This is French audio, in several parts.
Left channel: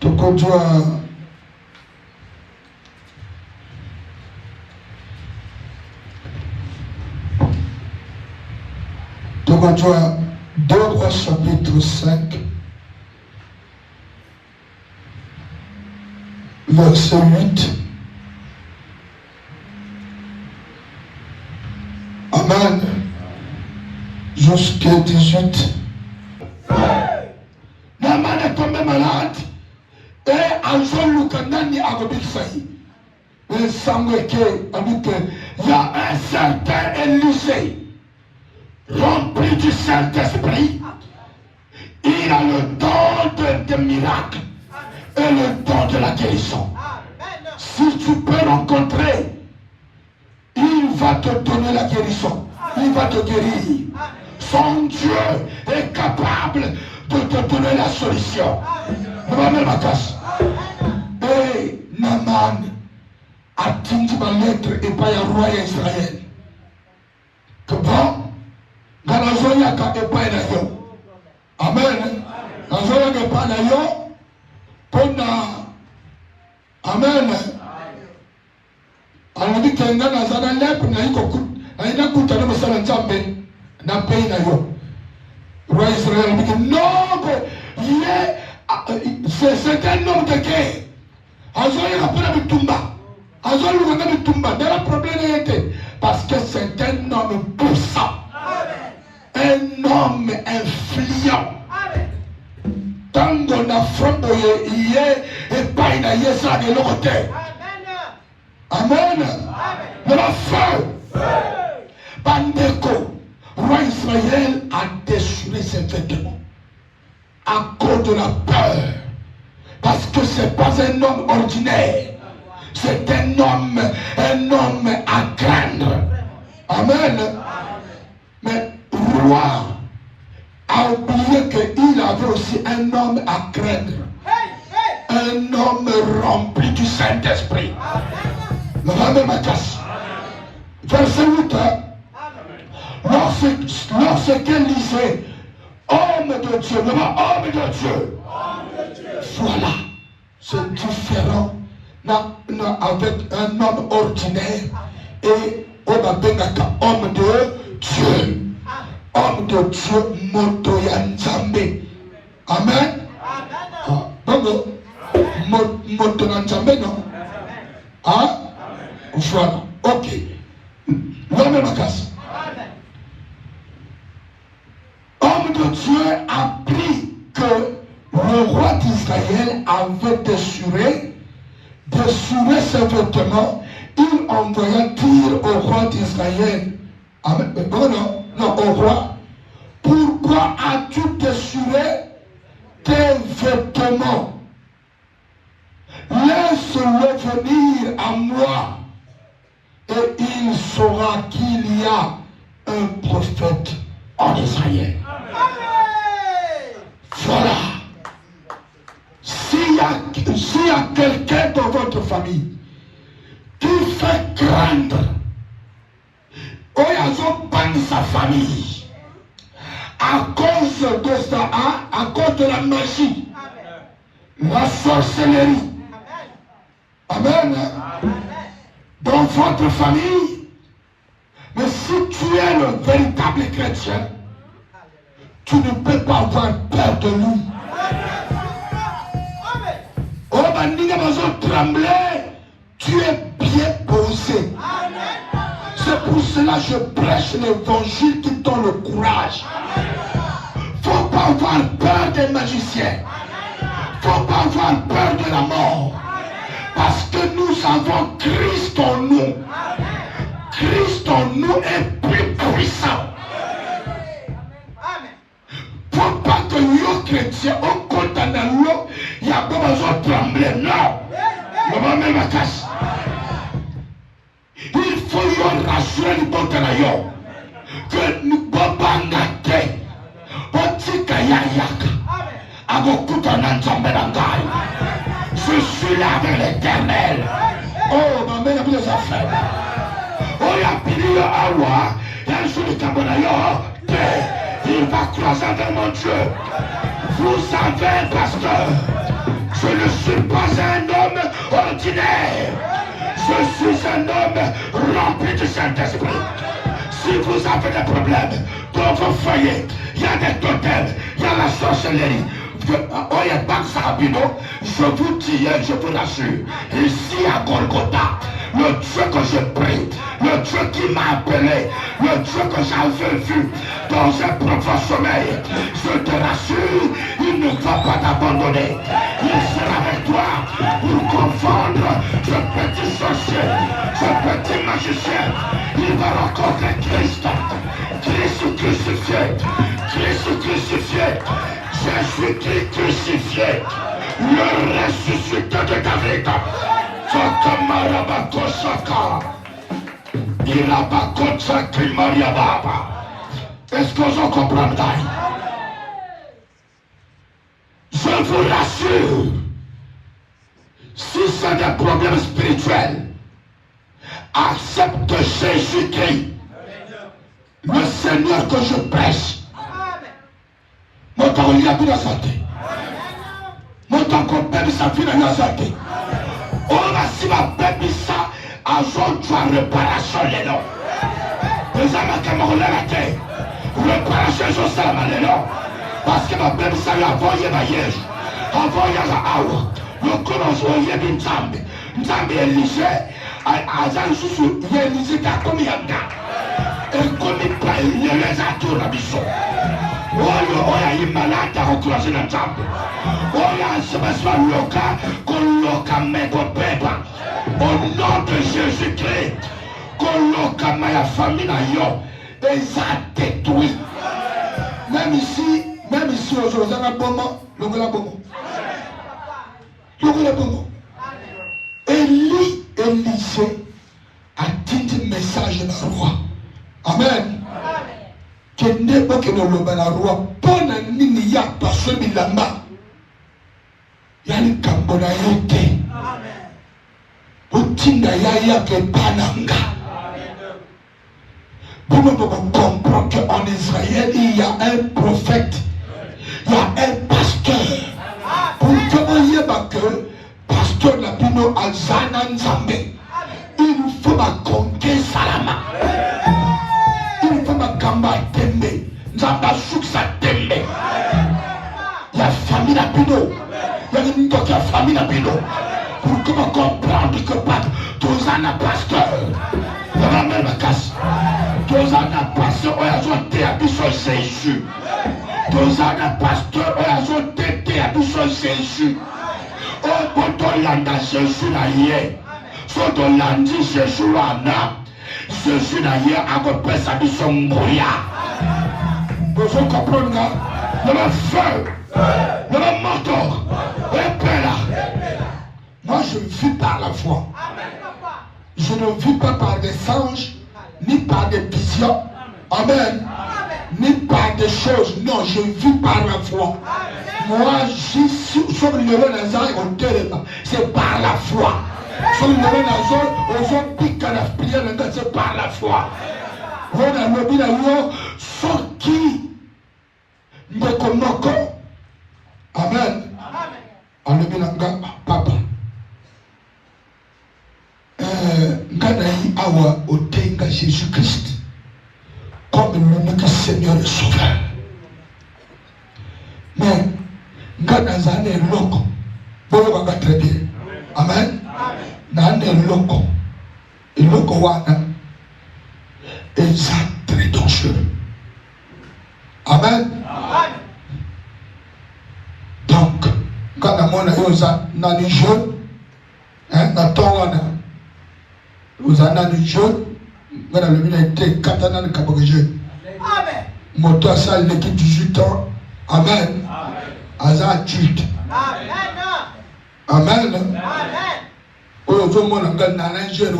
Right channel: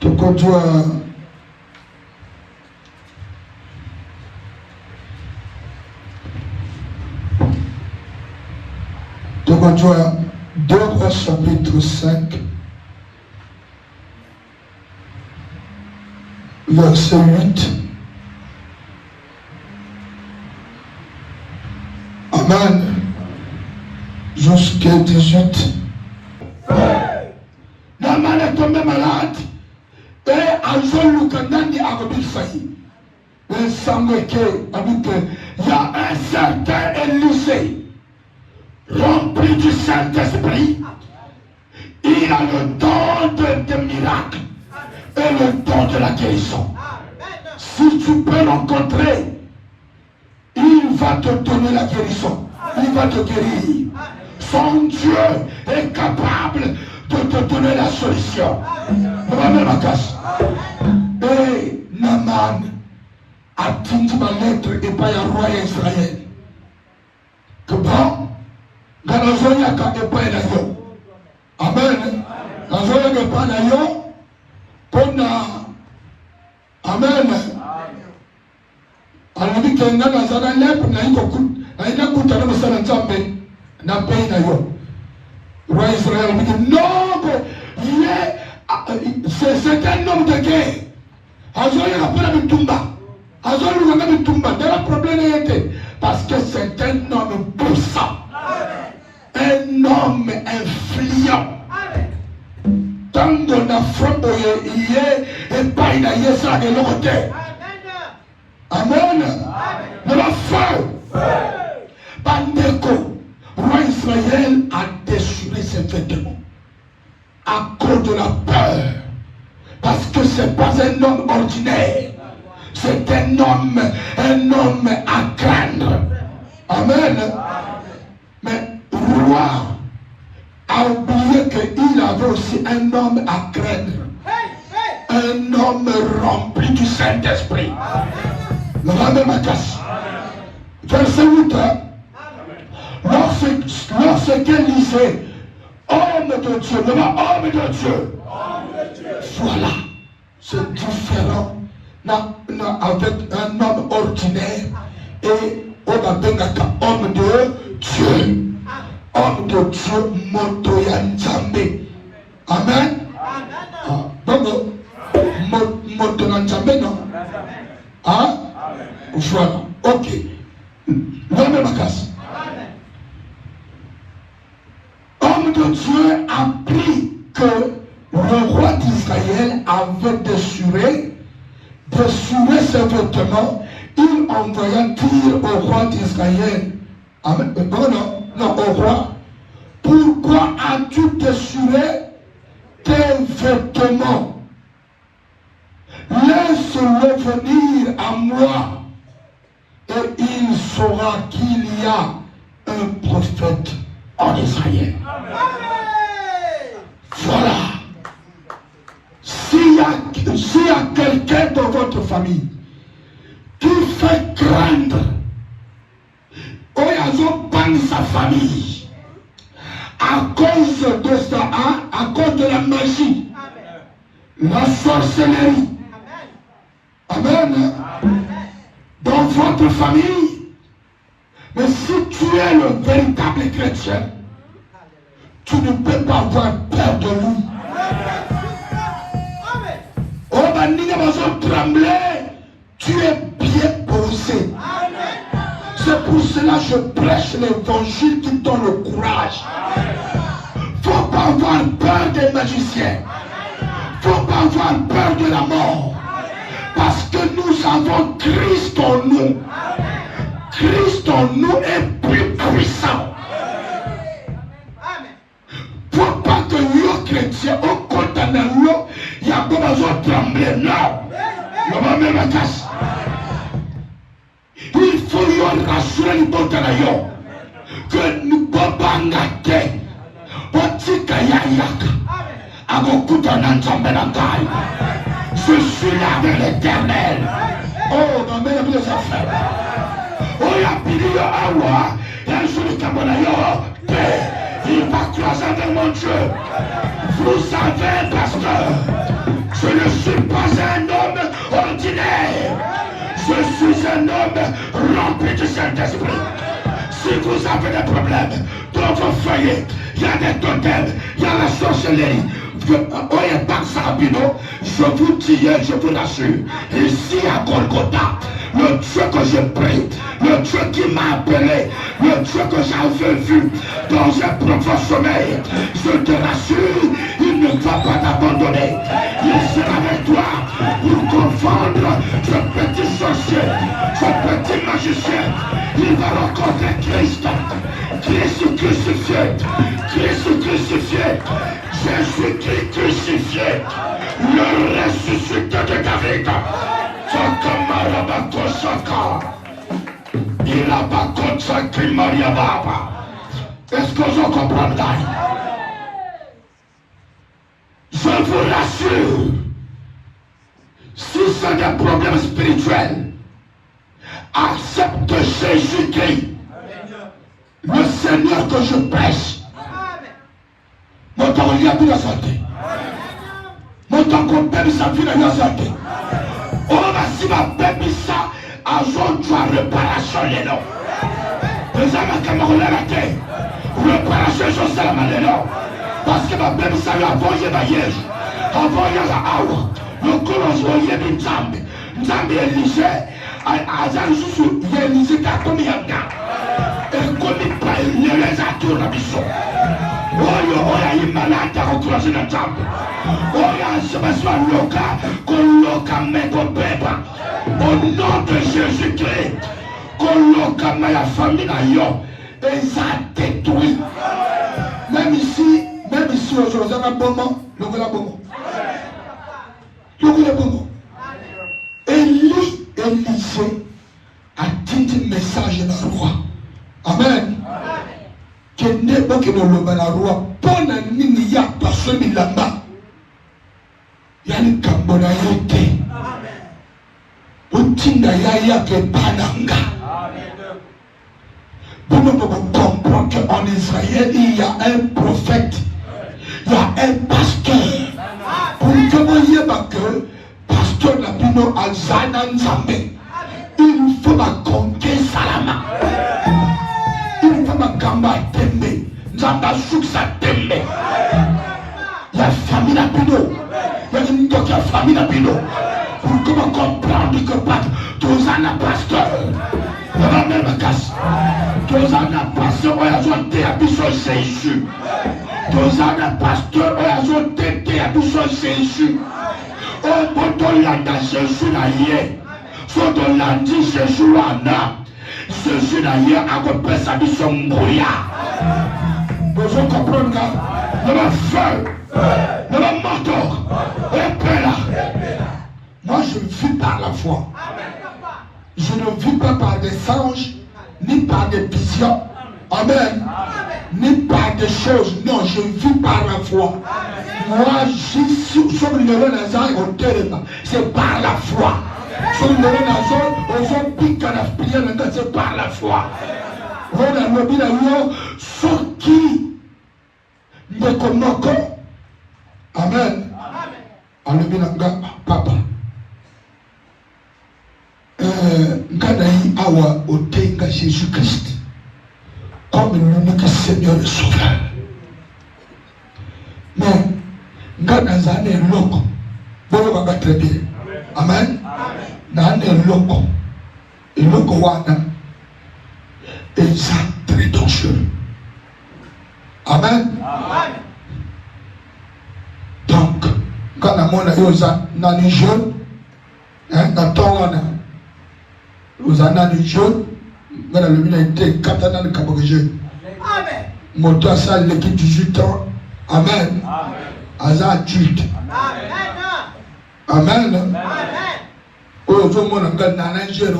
Tokonjwa 2 Rois chapitre 5 verset 8. Amen. Jusqu'à 18. Naaman est tombé malade et Anzon Lukanani a repris failli. Mais Samuel a dit qu'il y a un certain Élisée rempli du Saint-Esprit. Il a le don de miracles et le don de la guérison. Si tu peux rencontrer, il va te donner la guérison. Il va te guérir. Son Dieu est capable de te donner la solution. Et Naaman a dit ma lettre et pas à roi Israël. Que bon, dans la zone, il y a quand même pas d'ailleurs. Amen. La zone, il n'y a pas d'ailleurs. Amen. Alors, il dit que dans la zone, il y a pas d'ailleurs. Il y a beaucoup de gens qui n'a pas d'ailleurs. Le roi Israël dit que non, c'est un homme de guerre. Azor, il n'a pas de tumba. Azor, il n'a pas de tumba. Le problème était parce que c'est un homme puissant. Un homme influent. Tant qu'on a frappé, il est et pas il a eu ça de l'autre côté. Amen. De la feu. Bandeko, roi Israël a déchiré ses vêtements à cause de la peur. Parce que ce n'est pas un homme ordinaire. C'est un homme à craindre. Amen. Mais le roi a oublié qu'il avait aussi un homme à craindre. Un homme rempli du Saint-Esprit. Verset 8. Lorsqu'elle disait homme de Dieu, homme de Dieu. Voilà, c'est différent avec un homme ordinaire et on appelle homme de Dieu. Homme de Dieu, Motoya Nzambe. Amen. Donc, Motoya Nzambe, non? Hein? Voilà, ok. Homme de Dieu a appris que le roi d'Israël avait déchiré ses vêtements. Il envoya dire au roi d'Israël, non, au roi, pourquoi as-tu déchiré tes vêtements? Laisse-le venir à moi et il saura qu'il y a un prophète en Israël. Voilà. S'il y a quelqu'un dans votre famille qui fait craindre, ou il sa famille à cause de ça, à cause de la magie, la sorcellerie. Amen. Dans votre famille, mais si tu es le véritable chrétien, tu ne peux pas avoir peur de lui. Oh, trembler, tu es bien posé. C'est pour cela que je prêche l'évangile qui donne le courage. Il ne faut pas avoir peur des magiciens. Il ne faut pas avoir peur de la mort. Parce que nous avons Christ en nous. Christ en nous est plus puissant. Pour pas que nous, chrétiens, on condamne l'eau, il y a pas besoin de trembler. Non. Il faut y rassurer le bon de que nous ne pouvons pas nater. Je suis là avec l'Éternel. Oh, ma mère les affaires. Oh, il a pris le hawa. Il a joué le tabernacle. Il va croiser avec mon Dieu. Vous savez, pasteur, Je ne suis pas un homme ordinaire. Je suis un homme rempli du Saint-Esprit. Si vous avez des problèmes dans vos foyers, il y a des totems, il y a la sorcellerie. Je vous dis, je vous l'assure, ici à Golgotha, le Dieu que je prie, le Dieu qui m'a appelé, le Dieu que j'avais vu dans un profond sommeil, je te l'assure, il ne va pas t'abandonner. Il sera avec toi pour confondre ce petit sorcier, ce petit magicien. Il va rencontrer Christ, Christ crucifié, Christ crucifié, Jésus-Christ crucifié, le ressuscité de David. Il a pas consacré Maria Baba. Est-ce que je comprends ça? Je vous l'assure, si c'est des problèmes spirituels, accepte Jésus-Christ, le Seigneur que je prêche. Mon temps il y a bien santé. Mon temps qu'on paie sa vie de la santé. On va si ma paie ça, à jour tu as réparation les noms. Les amis camarades à la terre, réparation je sais à les noms. Parce que ma paie ça a envoyé ma yège, envoyé la awa. Le colon je vais une jambe, est léger. Azan susu yenizi kakumi yanda ekomi pa yeleza tuna biso oyo oya imalata okrozi na jambo oya sebaswa loka koloka meko pepa au nom de Jésus-Christ koloka ma famille na yo eza détruit même ici aujourd'hui on a bon le voilà bon Élisée a dit un message dans le roi. Amen. Que n'est pas que le roi, bonne année, il y a personne qui l'a main. Il y a une cambonalité. Outina ya que pananga. Pour nous comprendre qu'en Israël, il y a un prophète, il y a un pasteur. Pour que vous voyez que pasteur Nabino Azana Nzambe, il faut ma conquête salama. Il faut ma gamba tembe. Nzamba souksa tembe. Il y a famille Nabino. Il y a une autre famille Nabino. Pour que vous compreniez que pas tous en pasteur. On va même me casser. Tous en pasteur, on a ajouté à Bissot Jésus. Tous en pasteur, on a ajouté à Bissot Jésus. Oh, bon, landa Jésus na hier. Faut qu'on landi Jésus là. Jésus na hier a compris sa vie son brouillard. Vous comprenez ça? Le feu, le manteau, le père. Moi, je vis par la foi. Je ne vis pas par des anges, ni par des visions. Amen. Ni par des choses. Non, je vis par la foi. Moi, je suis sur le Nazar au téléphone. C'est par la foi. Sur le Nazar, on pique à la prière, c'est par la foi. On a mobile à ce qui me connaît. Amen. Amen. Papa. Nganaï awa otenga Jésus-Christ comme l'unique Seigneur et Sauveur. Mais Ngana zane loko, vous va très bien. Amen. Nane loko, et loko wana, et ça très dangereux. Amen. Donc, quand la mona yosa nani jaune, na tongana. Nous en avons des jeunes, mais le milieu était katana de Kabogé. Moto ça, une équipe 18 ans. Amen. Aza adulte. Amen. Aujourd'hui, on a un jeune,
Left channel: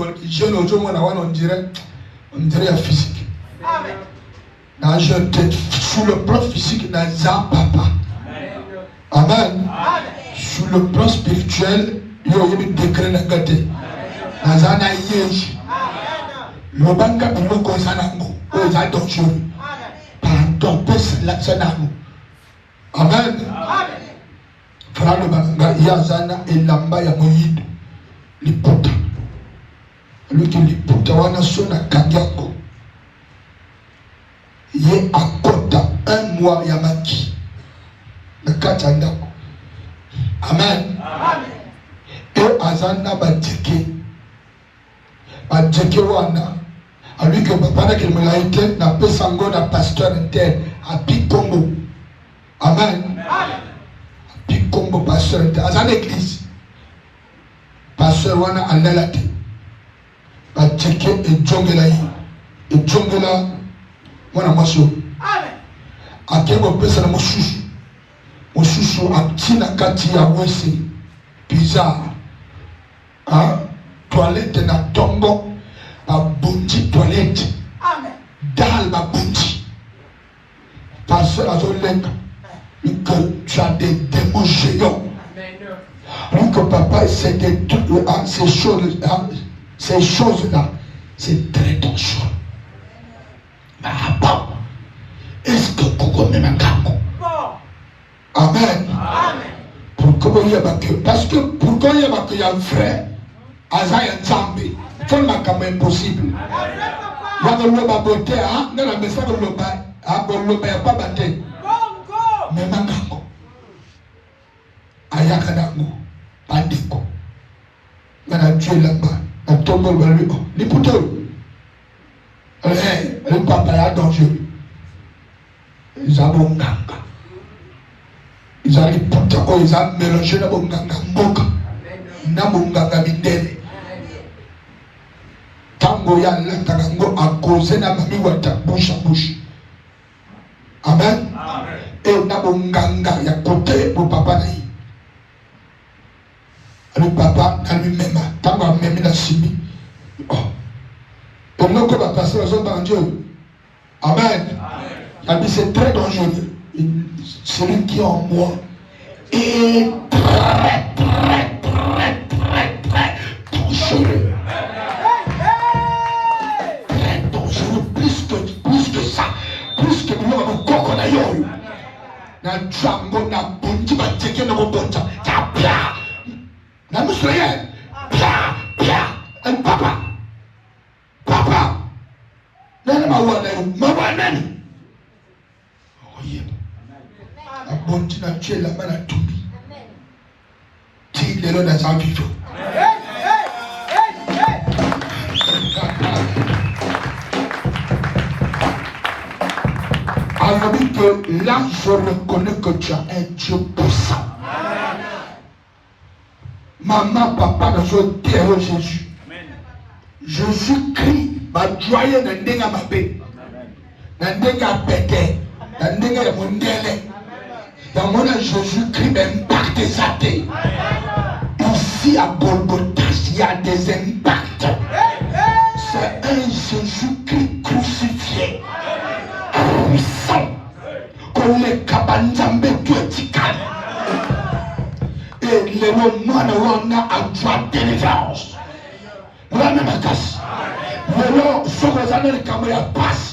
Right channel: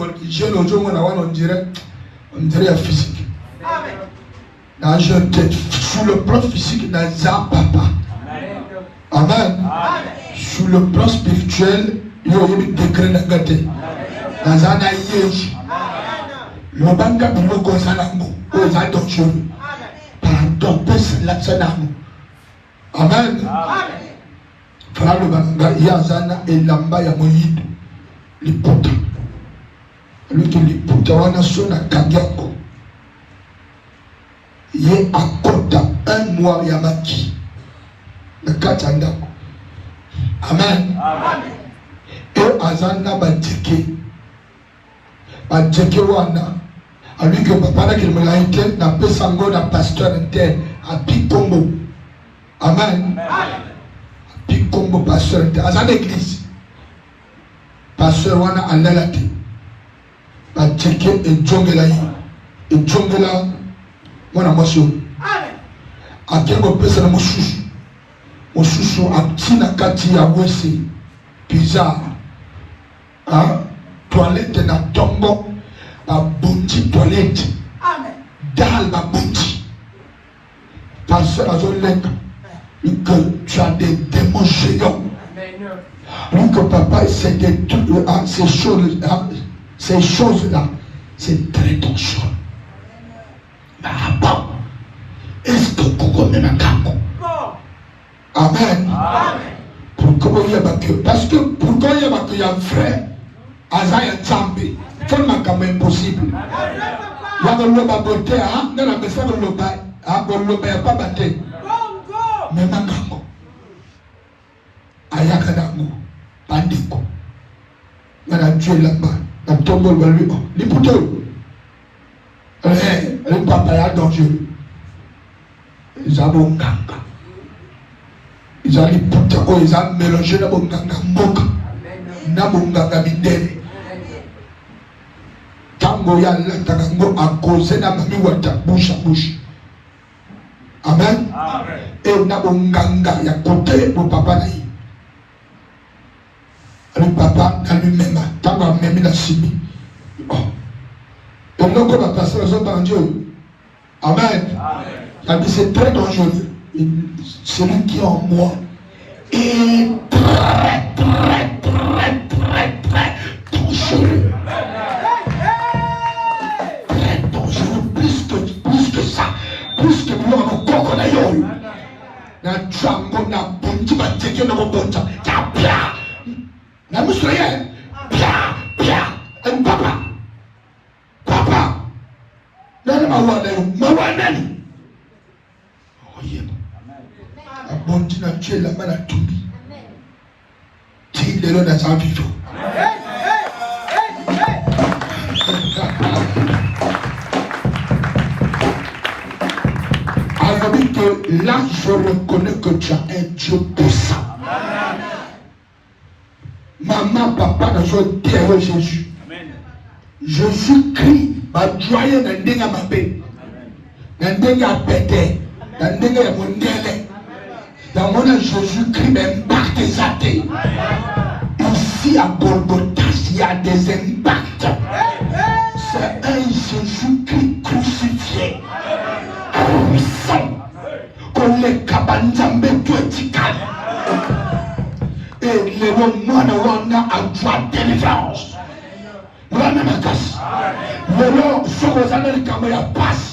on dirait physique. Un jeune tête, sur le plan physique, dans un papa. Amen. Sur le plan spirituel, il y a eu des degrés négatifs. Azana yeji le banda bilo ko sanango ko za docteur par ton pèse la sanango. Amen. yazana elamba ya moyindo liputa luki liputa wana so na kandiako ye akota un mois ya maki na kati ya ndako. Amen. E azana badjeke wana aliki papa na kilimalaite na pesa ngo na pasteur inter api Congo. Amen. Api Congo pasteur inter azana église pasteur wana alelaki badjeke ejongela mwana maso akeko pesa na mosusu atina kati ya wese bizarre toilette na tombo babundi toilette dal babundi pasteur azolenga que tu as des démons géants. Donc papa c'est ces choses là c'est très dangereux. Est-ce que pourquoi même Amen. Pourquoi il y a parce que pourquoi il y a un frère Azaïa Tchambé, tellement quand même possible. Il y a un loba beauté, dans la maison de loba, on loba pas batté. Mais maintenant, Ayakadamo, Pandiko, Madame Dieu là-bas, dans ton bol de lui, les poteaux. Le papa est dangereux. Ils ont un ganga. Ils ont les poteaux, ils ont mélangé la bonganga moka. Na bonganga midele. Tango ya lantango a causé na mami wata bouche à bouche. Amen. Et na bonganga ya côté pour papa naï. Le papa a lui-même, tango a même na sibi. Et le corps a passé aux autres en Dieu. Amen. C'est très dangereux. Celui qui est en moi est très dangereux. Très dangereux. Plus que ça. Plus que nous avons encore la yoye. Na tchambo na bunti ba teke na bonta. Pia. Na musoye. Pia. Un papa. Non, non, Abonti na tué la main à Tobi. T'il est là dans un vivant. Alors que là, je reconnais que tu as un Dieu puissant. Maman, papa, nous ont terre Jésus. Jésus-Christ va joyer dans le ma paix. Dans le pété. Dans le mondial. Dans mon Jésus-Christ impacte sa tête. Ici à Golgotha, il y a des impacts. C'est un Jésus-Christ crucifié. Puissant. Comme les cabanzambes verticales. Et les moines à droite délivrance. Voilà ma casse. Lolo soko Américains ya passe.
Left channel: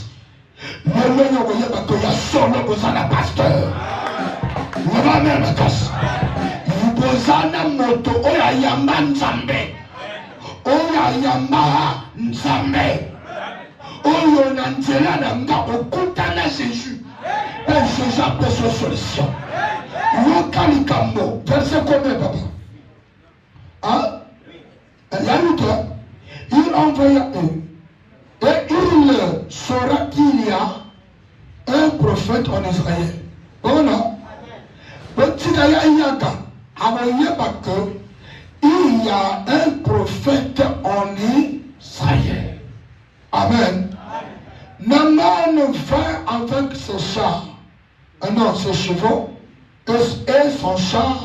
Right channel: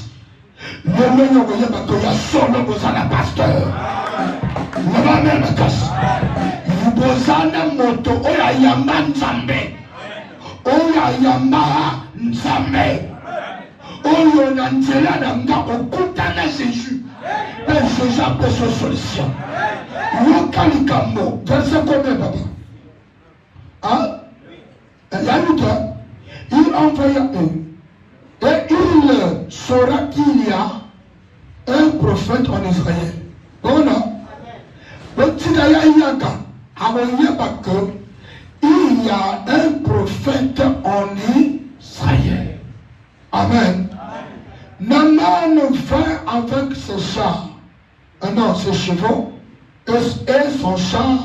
Lolo yokoye bakoya solo kozana pasteur. Voilà ma casse. Yubozana moto oya yamba nzambe. Oya yamba nzambe. Oyo na nzela na nga okutana Jésus. Pour Jésus peut se solution. Yokalikambo. Verset combien papa? Hein? Yaouta. Il envoya eux. Et il saura qu'il y a un prophète en Israël. Voilà. Il y a un prophète en Israël. Amen. Naman vint avec ses chars, non, ses chevaux, et son char,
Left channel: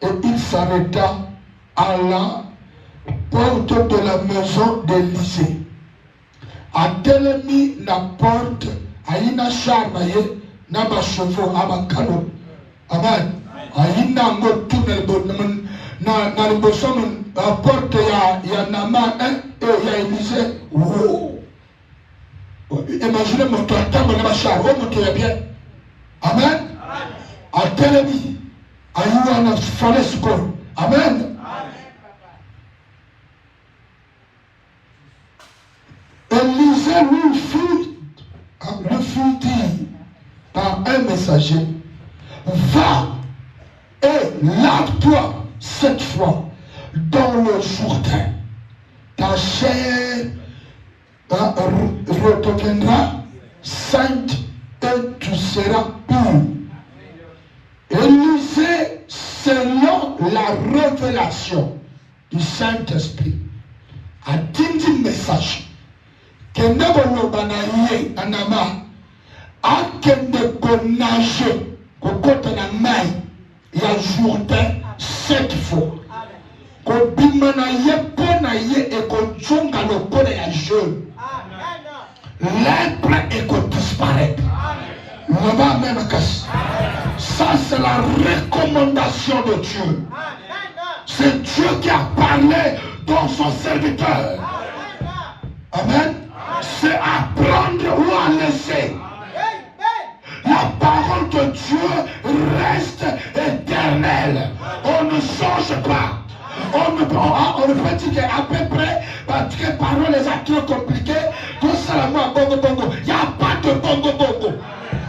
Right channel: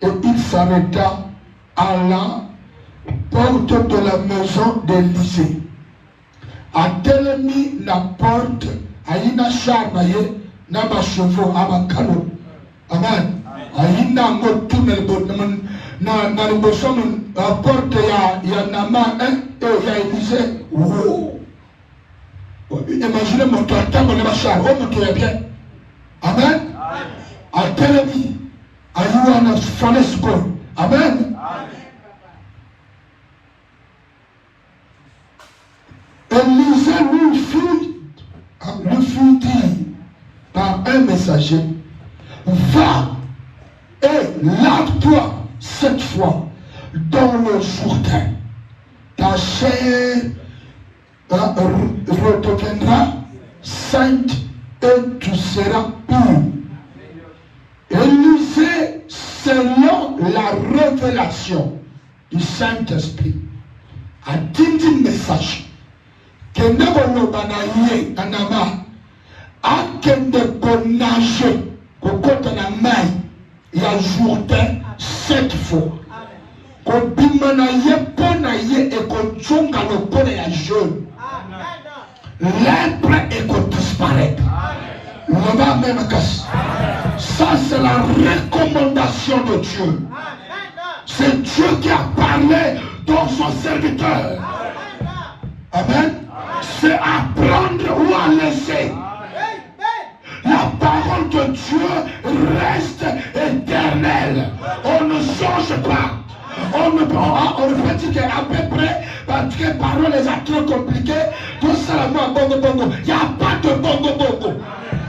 et il s'arrêta à la porte de la maison d'Élysée. A telemi na porte, aina char na ye, na ba chevaux, abakalo. Amen. Aina ngo tunnel bon na bosom la porte ya Naman et ya Élysée. Oh. Imaginez mon toit, quand on est char, on est bien. Amen. A telemi, aina Amen. Élisée lui fit dire par un messager, va et lave-toi cette fois dans le Jourdain. Ta chair redeviendra sainte et tu seras pur. Élisée, selon la révélation du Saint-Esprit, a dit un message que ne voulons pas nager anama a que ne pas nager au côté de la main et à Jourdain 7 fois. Qu'on bimanaye pour nager et qu'on jonge à le côté de la jeune. L'être et qu'on disparaître. Ça, c'est la recommandation de Dieu. C'est Dieu qui a parlé dans son serviteur. Amen. C'est apprendre ou à laisser. La parole de Dieu reste éternelle. On ne change pas. On ne peut dire qu'à peu près, parce que les paroles les actes compliquées, tout ça là, il n'y a pas de bongo.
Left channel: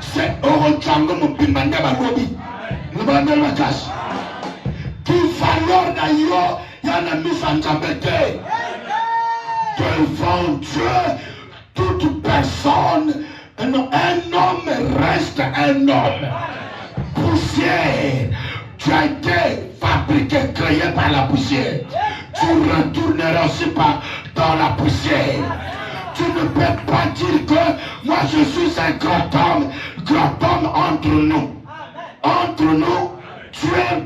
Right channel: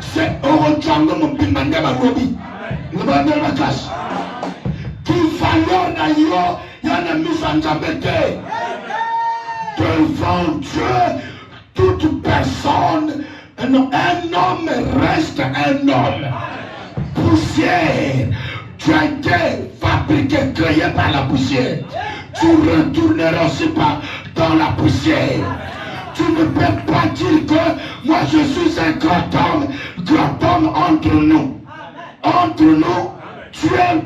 C'est Orojango Mupimanda Magobi. Le bandel ma casse. Qu'il fallait d'ailleurs, il y en a mis en tableté. Devant Dieu, toute personne, un homme reste un homme. Poussière. Tu as été fabriqué, créé par la poussière. Tu retourneras aussi dans la poussière. Tu ne peux pas dire que moi je suis un grand homme entre nous. Entre nous, tu es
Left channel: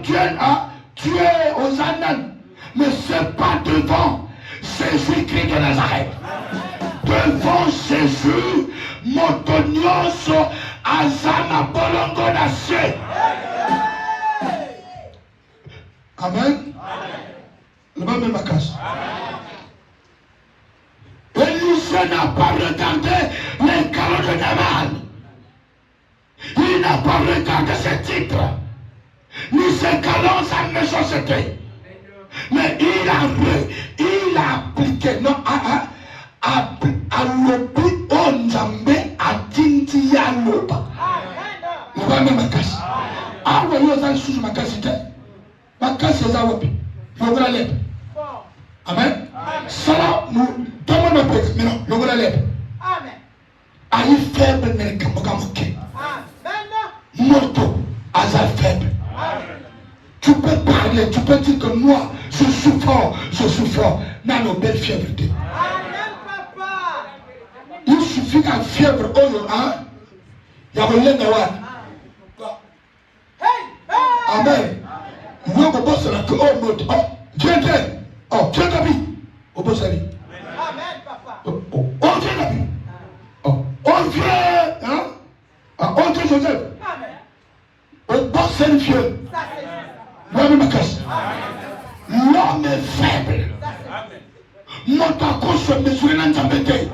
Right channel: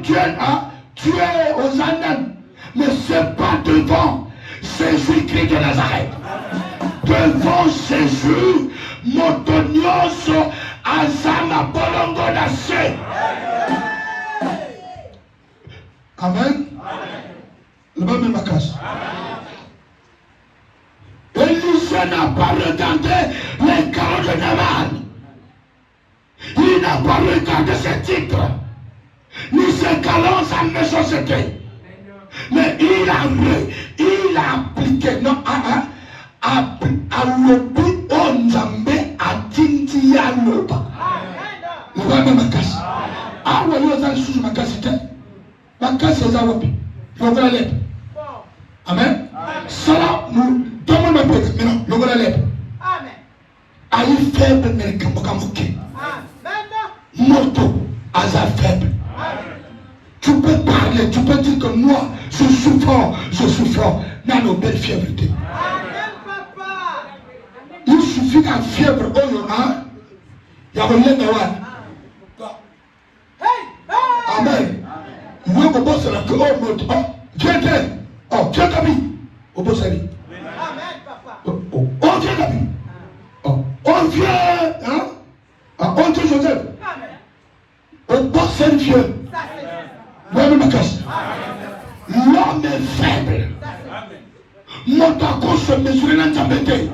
aux Andes, mais ce n'est pas devant Jésus-Christ de Nazareth. Devant Jésus, Montonios, Azama, Bolongo, Nassé. Amen. Le même ma casse. Élisée n'a pas regardé les carreaux de Naman. Il n'a pas regardé ses titres, ni ses galons, sa méchanceté. Mais il a appliqué, non, à l'obi onjambe à tinti ya loba. Le même ma casse. Ah oui, vous avez su ma casse. Ma casse est à l'obi. Je veux l'aide. Amen. Ça, nous demandons le non, je veux l'aide. Amen. Aïe faible n'est qu'un mokamoké. Moto, hasard faible. Tu peux parler, tu peux dire que moi, je suis fort. Dans nos belles fièvretés. Il suffit d'un fièvre au hein? Il y a rien d'avoir. Amen. Moi, je pense que la moto. Viens, oh, viens d'habit. Au boss d'habit. Amen, papa. On vient d'habit. On vient, hein? On vient Joseph. Au boss d'habit. L'homme est faible. Motako se mesure dans ta bête.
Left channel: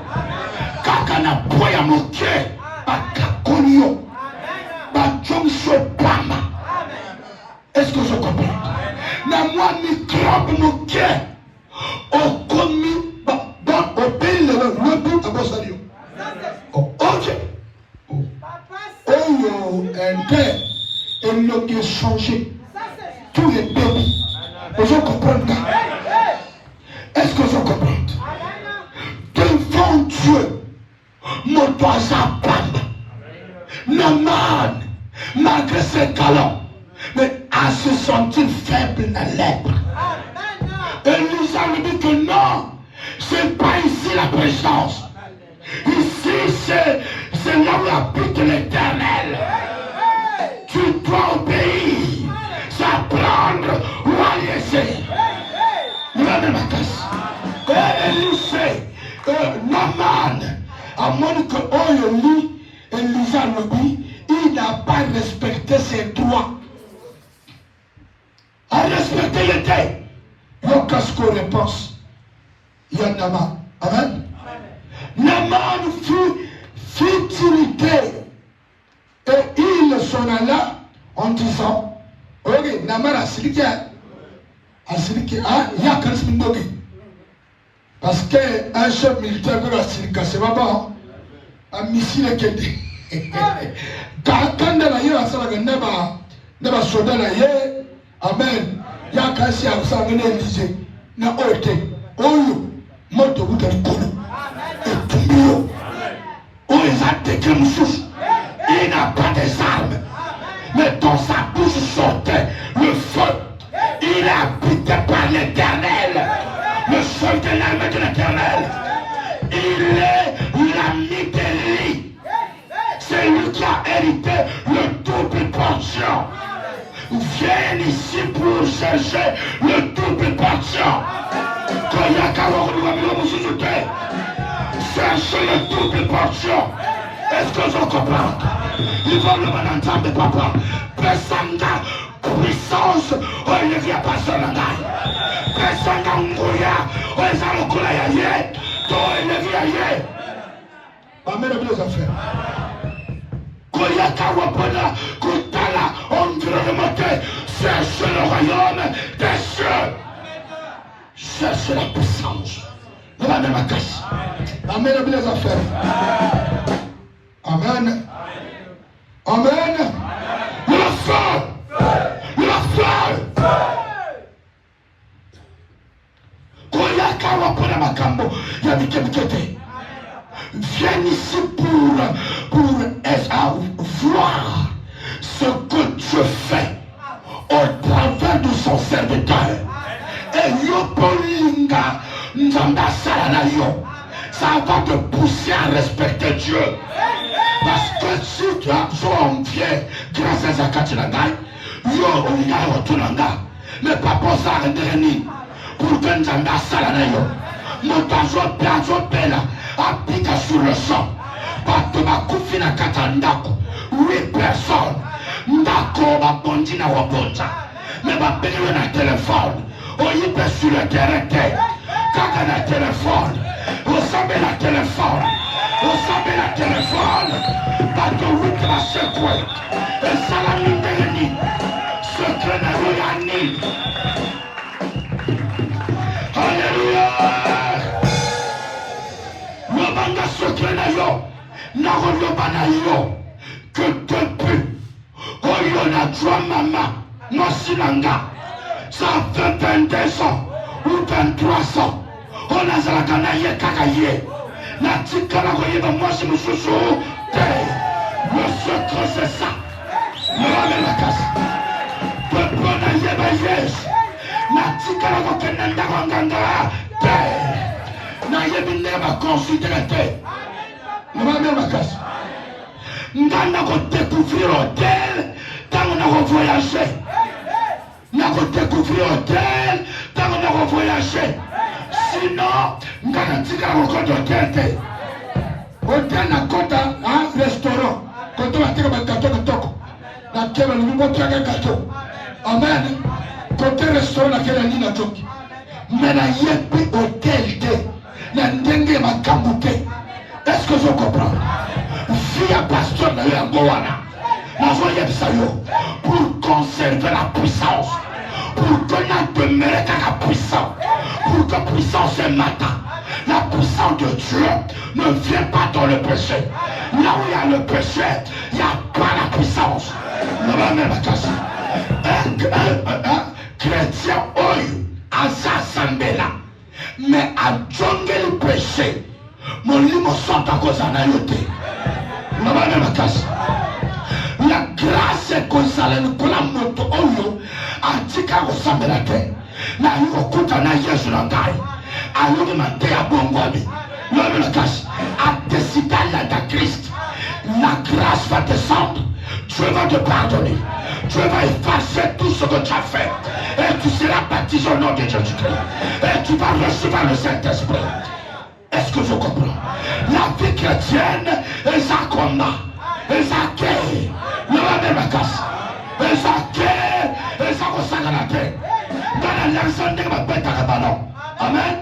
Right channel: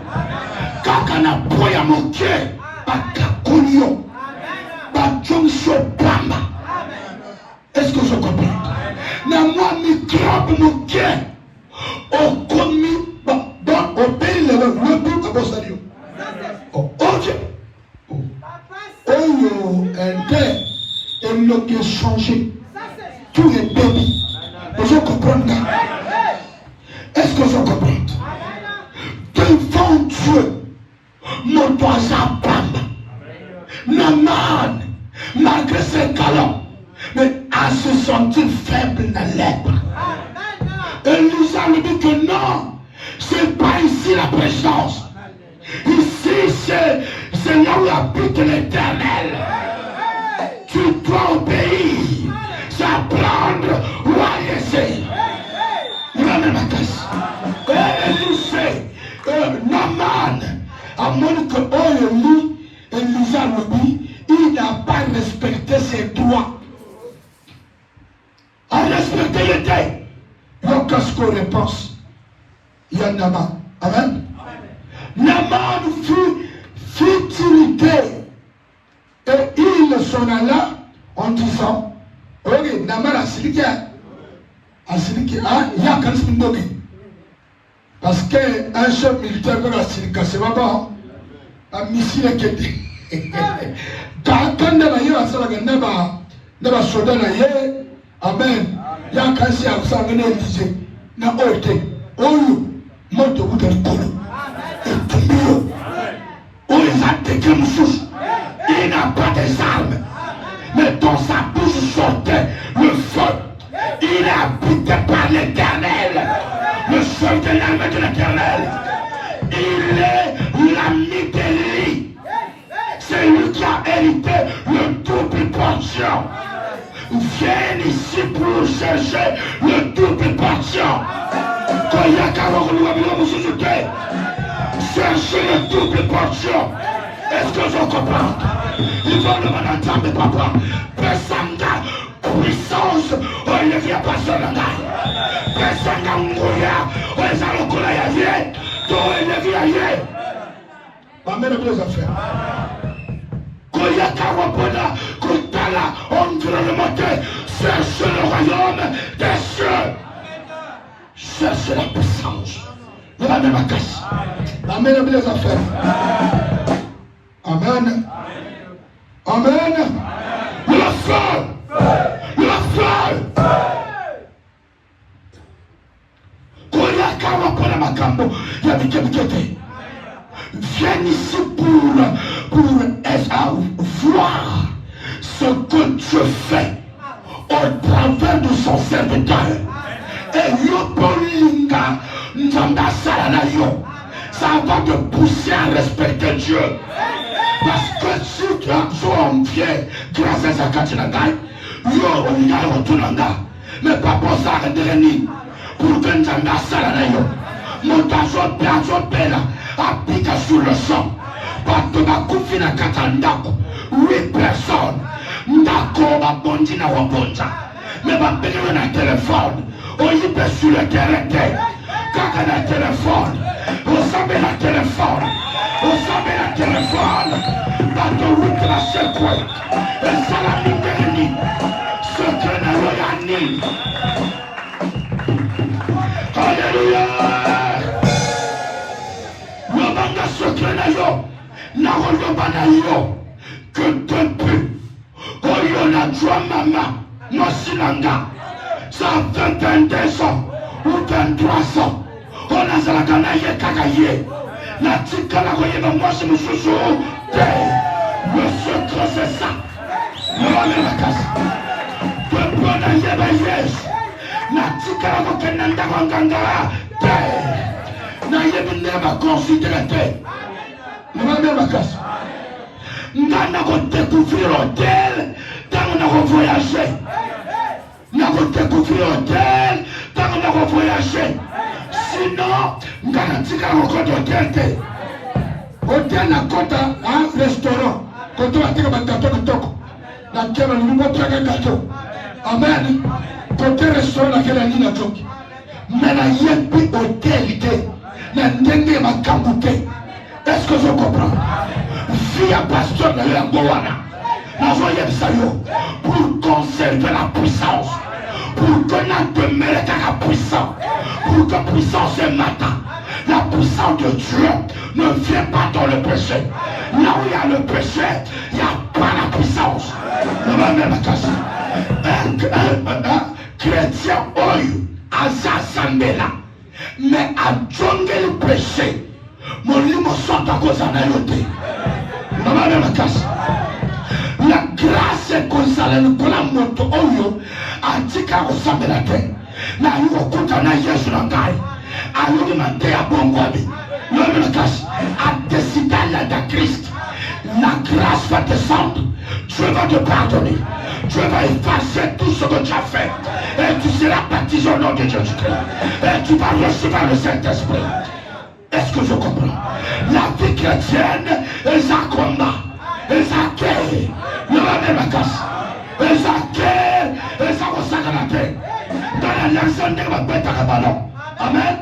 Kakana poya moke. Bakakonyo. Bachongso pama. Est-ce que je comprends? Na moi microbe moke. Au commis au pays le but à vos alliés. Ok. Oh, un père. Et le qui a changé. Tous les peuples. Je comprends. Est-ce que je comprends? Devant Dieu, mon doigt parle. Naman, malgré ses talents, mais à se sentir faible dans l'être. Et nous avons dit que non, c'est pas ici la présence. Ici, c'est là où habite l'Éternel. Tu dois obéir, s'apprendre ou à laisser. Naman, à moins que lui, Elisa il n'a pas respecté ses droits. A respecté les terres. Donc, qu'est-ce qu'on repense? Il y a Naman. Amen. Naman fut irrité. Et il s'en alla en disant, oui, Naman asiliki il y a quand même parce que un chef militaire de la Silika c'est pas un missile qui est quand ne va y avoir ça ne va sauver la guerre amen il y a quand c'est à ça venir viser na oite oyo moto vous de kono et tout on va détruire nous il n'a pas des armes mais dans sa bouche sortait le feu. Il est habité par l'Éternel, le seul de l'armée de l'Éternel. Il est l'ami d'Élie. C'est lui qui a hérité le double portion. Viens ici pour chercher le double portion. Cherchez le double portion. Est-ce que je comprends? Nous allons entendre papa. Personne n'a puissance. On ne vient pas sur le naï. Personne n'a un goya. On les a recollés à Dieu. Donc on ne vient ailleurs. Amen aux deux affaires. Goya Kawapona, Kutala, on veut le monter. Cherche le royaume des cieux. Cherche la puissance. Le Amen la casse. Amen aux deux affaires. Amen. Amen. Le feu. Le feu. Koyakawa pour la makambo. Yabikebikete. Viens ici pour voir ce que Dieu fait au travers de son serviteur. Et yopolinga njanga salanayo. Ça va te pousser à respecter Dieu. Parce que si tu as besoin de Dieu, grâce à Zakatinangai, yo on a retourné. Mais pas pour ça, pour que Njanga Salanayo, montazo piazo pela, applique sur le sang. Pas de ma coufine katandako, 8 personnes. Ndako ma bondi na wabonja. Mais ma pédale na téléphone, on y peut sur le terrain. Kaka na téléphone, on s'appelle la téléphone. Vous savez la téléphone, bateau 8 la secoue, et ça la nuit de l'ennemi, secret de l'Iranie. Alléluia! L'obanga secret d'ailleurs, n'a relobanayo, que depuis, Oyo na joie mama, Mosinanga, ça fait 22 ans, ou 23 ans, on a zalatanaye kakaye. La tika la voyée dans moi, c'est mon chouchou. Le secret, c'est ça. La casse. Peuple n'a pas yes. La tika la voyée dans Ganga. N'a pas considéré. La casse. N'a pas découvert l'hôtel. N'a pas voyagé. N'a pas découvert l'hôtel. N'a pas voyagé. Sinon, nous avons encore de tête. Hôtel na kota un restaurant. Kota wa teka batato kitoko. Na kema ni mbo pia gato. Amen. Kota restaurant na kela nina choki. Mena yepi hôtel te. Na ndenge makambu te. Est-ce que je comprends? Si ya pasteur na yangoana. Na voye bisayo pour conserver la puissance. Pour que la demeure la puissance. Pour que puissance ce matin, la puissance de Dieu ne vient pas dans le péché. Là où il y a le péché, il n'y a pas la puissance. Le même chrétien, à s'assembler, mais à djongé le péché, mon livre sont à cause en ayoté. Le même la grâce est comme ça, la moto, antika ressemble la terre. Na yuko kuta na Yesu na kai. Alumu na tea bongoni. L'homme de grâce a décidé à Christ. La grâce va descendre. Dieu va te pardonner. Dieu va effacer tout ce que tu as fait. Et tu seras baptisé au nom de Jésus. Et tu vas recevoir le Saint-Esprit. Est-ce que je comprends? La vie chrétienne est un combat. Et ça accueille. Le même de grâce. Et ça accueille. Et ça ressemble à la terre. Dans la nationalité, ma bête à ballon. Amen.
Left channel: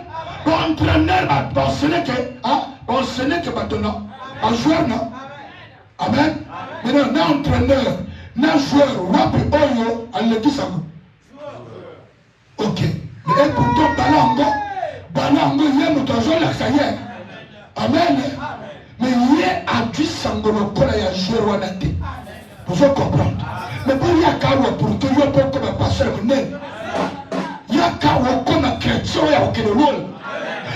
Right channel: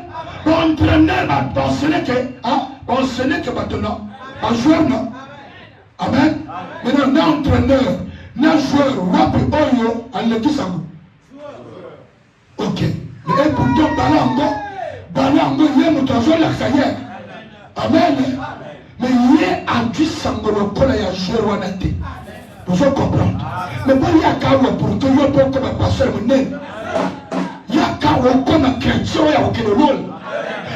Entraîneur va pensionner que maintenant. Un joueur, non. Amen. Mais non, entraîneur, un joueur, wapi oyo, en le kisamu. balango ye moto azolakisa ye. Amen. Mais ye adi sango lokola ya jero wana te. Vous comprenez? Mais bon, il y a quand même pour que yo peut comme pasteur monene. Il y a quand même comme chrétien ya okelolo.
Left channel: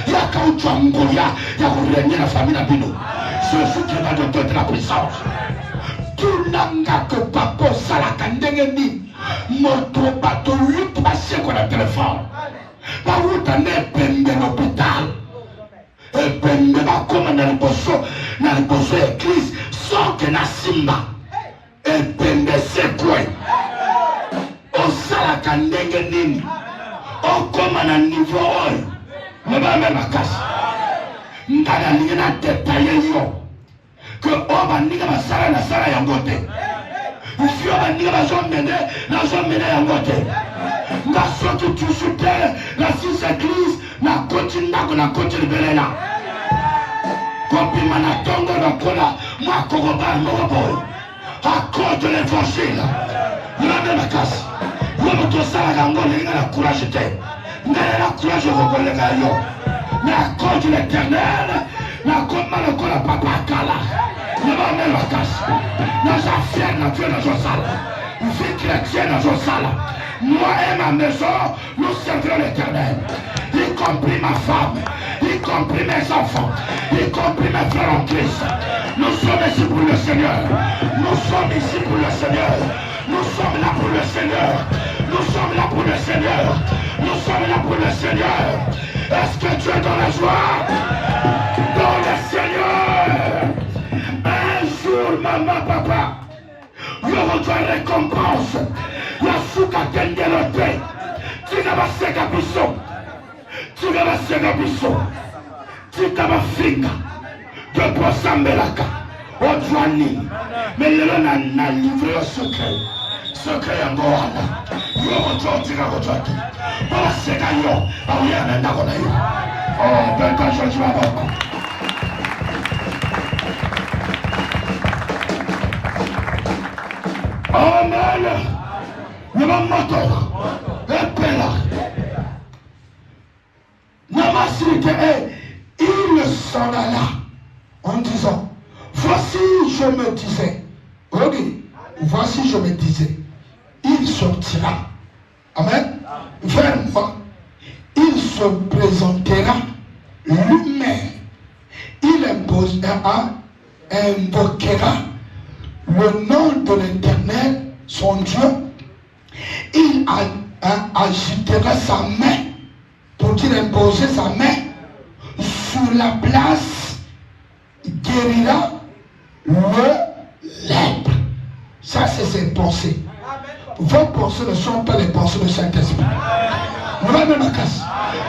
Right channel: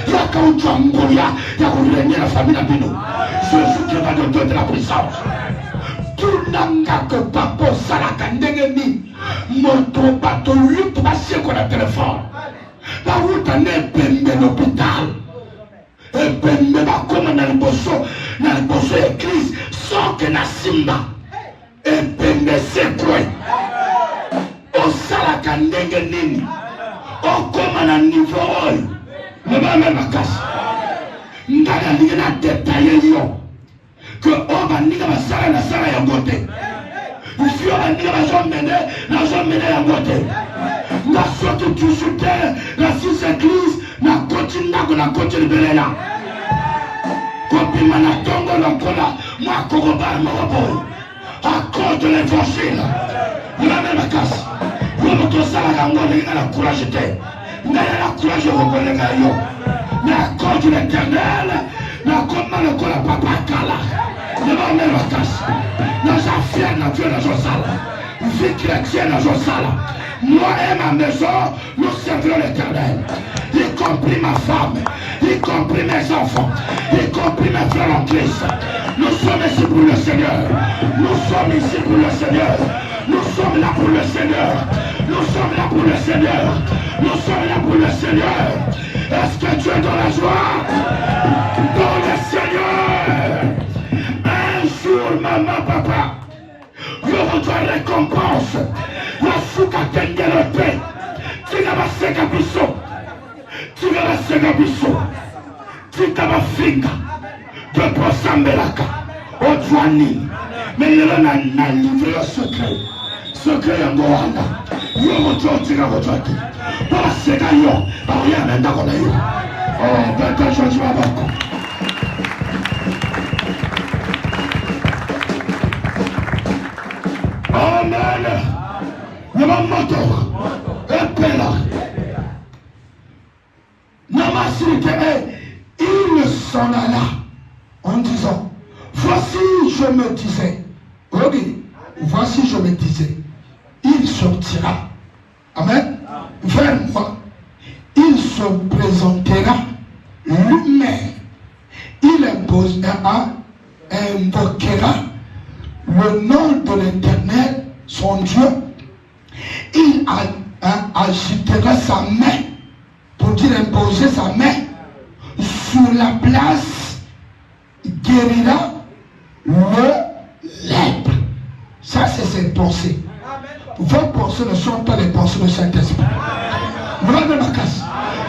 Il y a quand même ya urenia la famille na bino. Jésus qui va te donner la puissance. Tout nanga que papa salaka ndenge ni moto bato lui passer kwa téléphone. La route n'est pas l'hôpital. Et pende bakoma na liboso église sans que na simba. Et pende sekwe. Osalaka ndenge nini. Okoma na niveau oyo. Mama makasi. Ndala ninga na détailler yo. Que oba ninga basala na sala ya ngote. Ifio ninga bazomene ya ngote. Na soki tusute la six église na continue belela. Kopima na tongo lokola na kokoba nobo. À cause de l'évangile. La même casse. Vous me tous à la ngoli na courage te. Na la courage vous connaissez yo. Na cause de l'éternel. Na comme lokola papa kala. La même casse. Na affaire na Dieu na josala. Vie chrétienne na josala. Moi et ma maison, nous servirons l'éternel. Y compris ma femme, y compris mes enfants, y compris mes frères en Christ. Nous sommes ici pour le Seigneur. Nous sommes ici pour le Seigneur. Nous sommes là pour le Seigneur. Nous sommes là pour le Seigneur. Nous sommes là pour le Seigneur. Est-ce que tu es dans la joie? Pour le Seigneur. Un jour, maman, papa, je reçois récompense. La souka tengelote. Tika baseka biso. Tika baseka biso. Tika bafika. De posambelaka. Odwani. Mais le na livre le secret. Secret yango wana. Yo reçois tika reçoit. Pas seka yo. Aria na ndako na yo. Oh, beta changement bako. Amen. Namamoto, Epela, Namasirite, il s'en alla en disant, voici je me disais, oui, voici je me disais, il sortira, amen, vers moi, il se présentera lui-même, il invoquera le nom de l'Éternel, son Dieu. Il agitera sa main pour qu'il imposer sa main sur la place, guérira le lèpre. Ça, c'est ses pensées. Vos pensées ne sont pas les pensées du Saint-Esprit.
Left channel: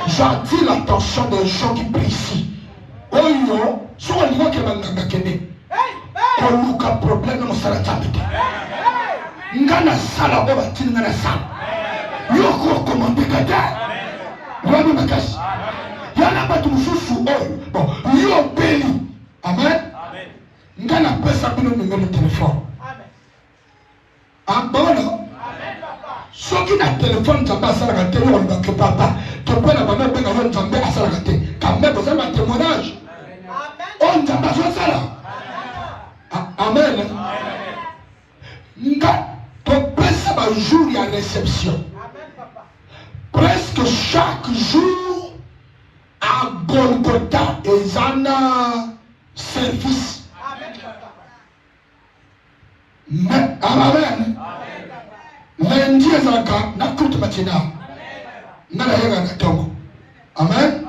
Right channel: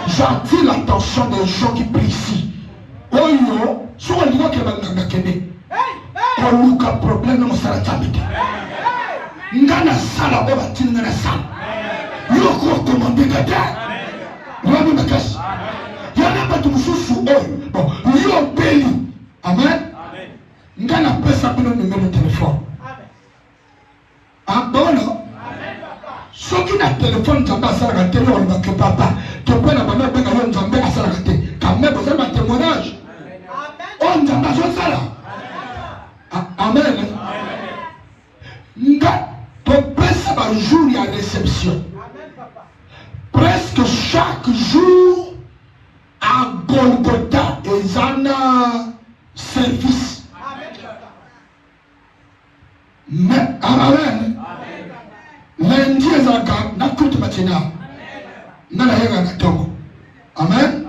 J'attire l'attention des gens qui prient ici. Oh, yo, soit le mot qui va nous gagner. Oh, nous, qu'un problème, nous, ça va t'habiter. Ngana sala baba tini ngana sala yoko komande gada wani makasi yana batu mususu bon yo beli amen ngana pesa bino numéro téléphone abona soki na téléphone nzambe sala ka télé wala ke papa to pala bana beka yo nzambe asala ka te quand même c'est un témoignage on nzambe sala amen nga un jour il y a réception. Presque chaque jour à Golgotha ils ont un service. Mais amen. Lundi ils ont na toute matinale. Na la yega na togo. Amen.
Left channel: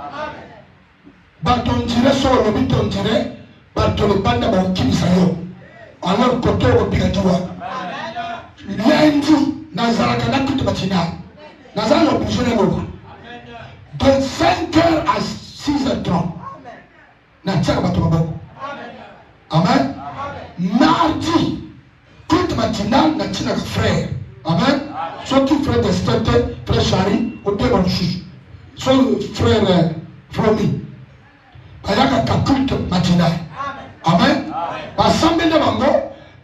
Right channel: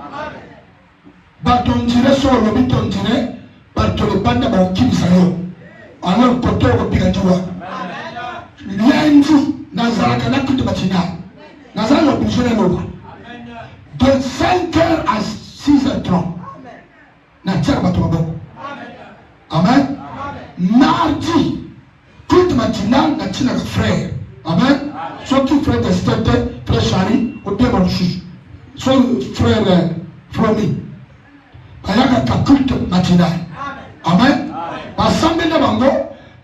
Baton dire sur le but on dirait baton le banda ba ukimisa yo. Alors koto ko bigatiwa. Lundi, nazalaka na toute matinale. Nazalaka obligé de l'eau. De 5h à 6h30. Natia Batouabo. Amen. Mardi, toute matinale, Natia frère. Amen. Soit qui frère d'Estete, frère Chari, ou bien Ronchi. Soit frère Floni. Ayaka toute matinale. Amen. Assemblée de Bango.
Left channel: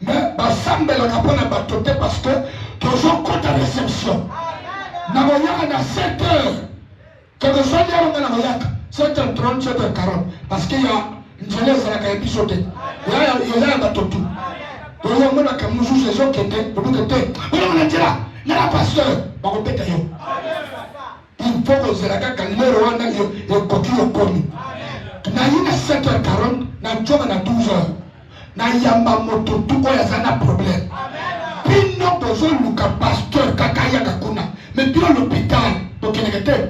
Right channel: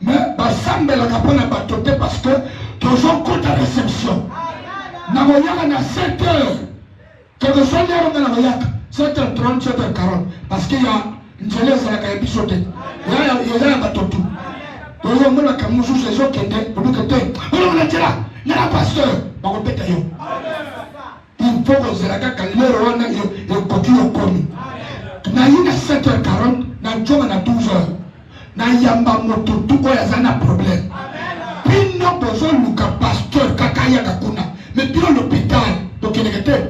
Mais basambe la kapona batote parce que toujours compte à réception. Na moyaka na 7h Quand ça y est, on a 7h30, 7h40. Parce qu'il y a une jeunesse à la Caïbichoté. Il y a un bateau tout. Donc, il y a un camoufle, les gens qui étaient, pour nous étaient. On va dire là, il y a la pasteur. On va péter. Il faut que vous ayez la calme, on a coquille au commis. Na yina 7h40, na joga na 12h. Na yamba moto tout quoi y a un problème. Puis non besoin de pasteur kakaya kakuna. Mais bien l'hôpital, donc il était.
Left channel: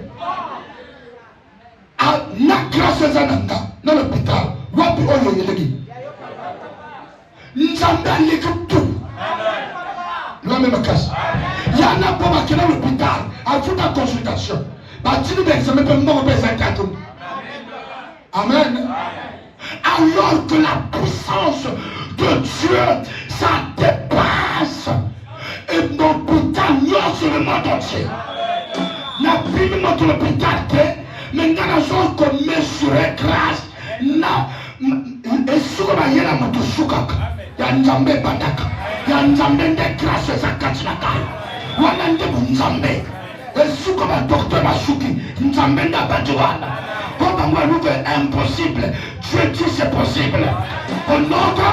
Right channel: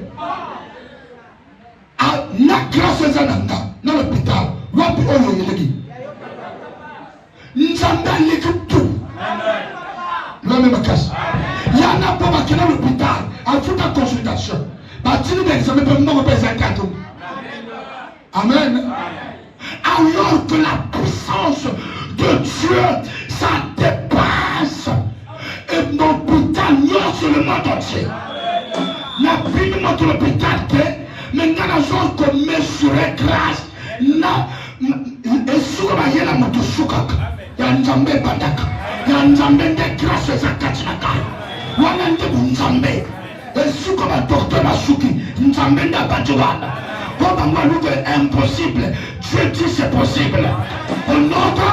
Ah, na grâce à Zananga, na l'hôpital. Wapi oyo yelegi. Nzamba l'écoute tout. L'homme me casse. Il y en a pas qui dans l'hôpital. En toute la consultation. Bâtiment d'examen peut mort présenter à tout. Amen. Alors que la puissance de Dieu, ça dépasse. Et mon putain, non, sur le monde entier. N'a plus de notre hôpital, mais dans la zone qu'on mesurait grâce, et sur la yéla moto soukak, yanzambe bandaka, yanzambe de grâce et zakatinaka, wanande bunzambe, et sur la docteur Masuki, nzambe na badjouana. Quand on va nous dire impossible, Dieu dit c'est possible. Au nom de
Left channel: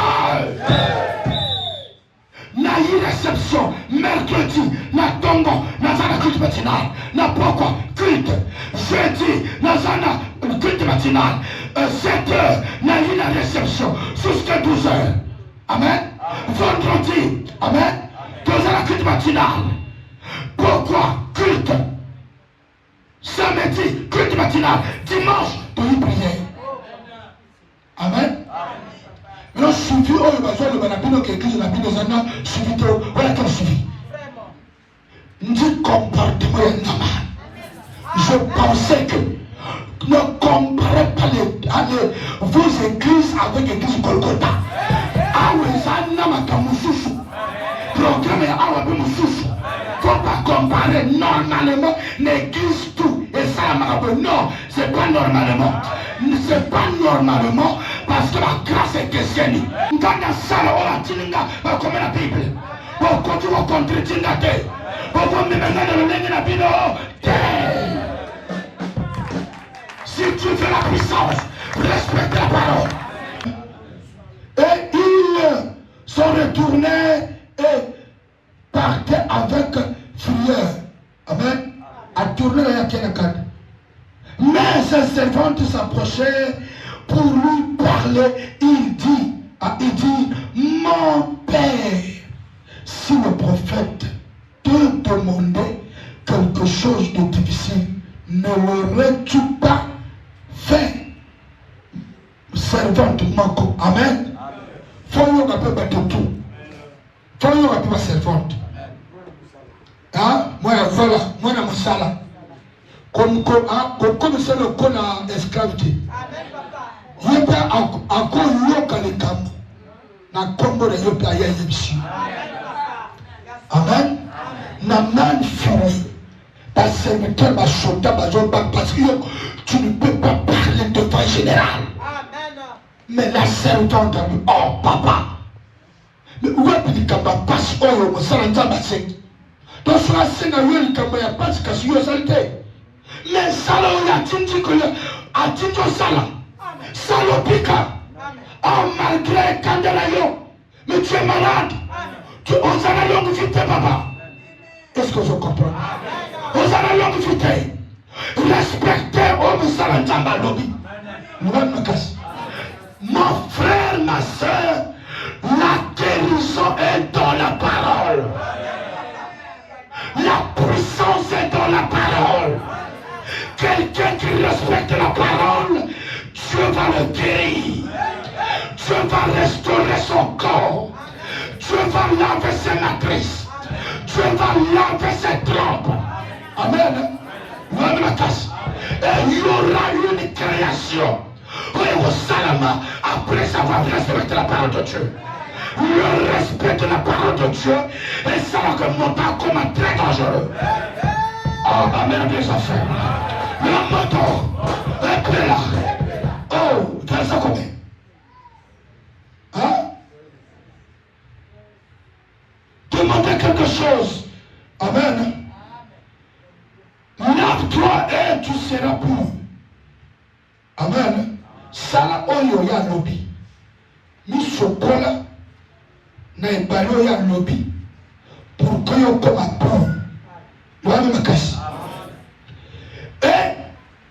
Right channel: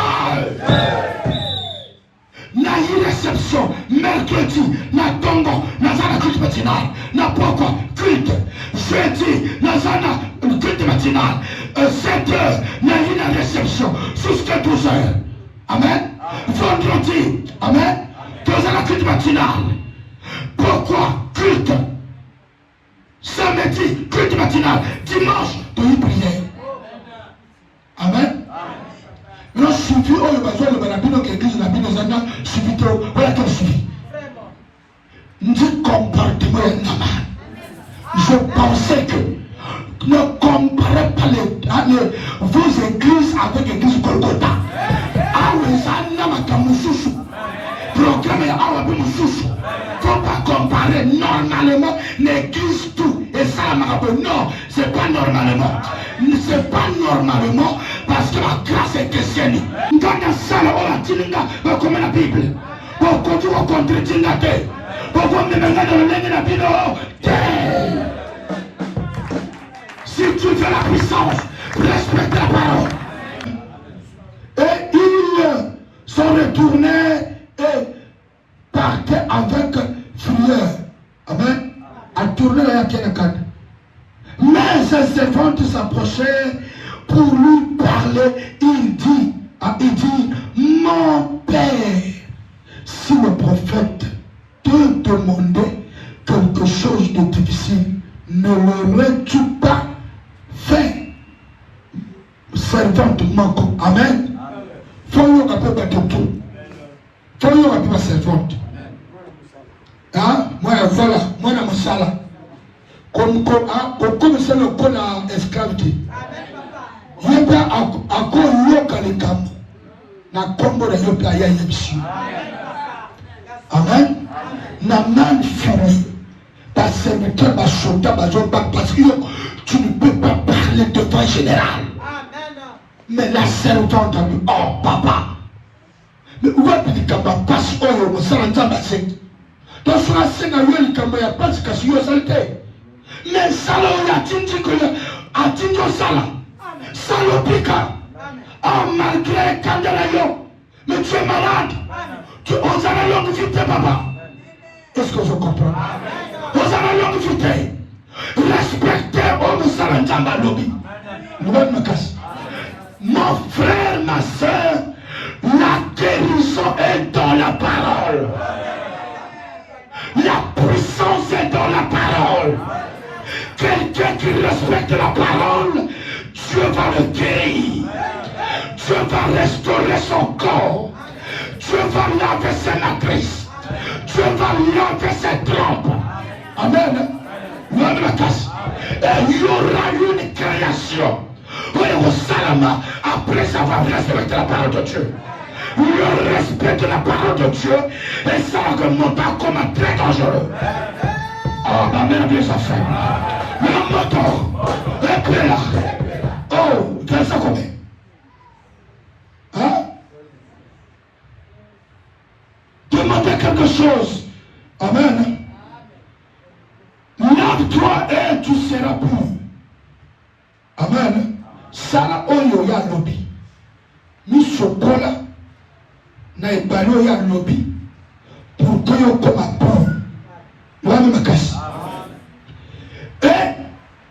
na une réception mercredi, na tongo, na zana culte matinale, na pourquoi culte, jeudi, na zana culte matinale, 7h, na une réception, jusqu'à 12h. Amen. Vendredi, amen, dans la culte matinale. Pourquoi culte? Samedi, culte matinal. Dimanche, de une prière. Amen. Le suivi, on va faire le balabino qui écrit la Bible, suivi trop. Voilà quel suivi. Nous comportement je pensais que ne comparez pas vos églises avec l'église Golgotha. Ah oui, ça n'a pas de programme à Wabimususu. Faut pas comparer normalement l'église tout et ça non, c'est pas normalement. C'est pas normalement parce que la grâce est chrétienne. Dans la salle, on a dit comme la Bible. Pour continuer à contredire la terre. Pour vous me mettre dans le nez de la Bible. Si tu veux la puissance, respecte la parole. Et ils sont retournés et partaient avec frayeur. Amen. À tourner la Télécan. Mais ses servantes s'approchaient pour lui parler. Il dit, mon père, si le prophète te demandait quelque chose de difficile, ne l'aurais-tu pas fait? Servante manque. Amen. Faut qu'on appelle pas tout. Faut qu'on appelle pas servante. Ah, moi voilà, moi dans mon sala. Comme c'est le con à esclavité. Il y a encore yoka les camps. Na kombo de yoka ya yemsi. Amen. Na man fini. Par serviteur, par soldat, parce que tu ne peux pas parler devant le général. Mais la servante a dit, oh papa. Mais où est-ce que tu passes au salon bassin? Donc, sur la scène, il n'y a pas de casse, mais salon, il y a tinti que a tinti au salon. Salon pica. Oh, malgré Candelayo. Mais tu es malade. Tu oses aller à l'hôpital, papa. Est-ce que je comprends? Ose aller à l'hôpital. Respectez au salon Jambalodi. Mon frère, ma soeur, la guérison est dans la parole. La puissance est dans la parole. Quelqu'un qui respecte la parole, Dieu va le guérir. Dieu va restaurer son corps. Dieu va laver ses matrices. Dieu va laver ses trompes. Amen. Et il y aura une création. Oui, au Salama, après avoir respecté la parole de Dieu. Le respect de la parole de Dieu et ça ne monte pas comme un très dangereux. Oh, ma mère des enfants. La moto, éclaire là. Oh, tu fais ça combien? Hein? Demandez quelque chose. Amen. La Marc 3, et tu seras pour. Amen. Sala oyo ya lobi. Misokola na ebalo ya lobi. Pour que yo koma pour. Wana makasi. Et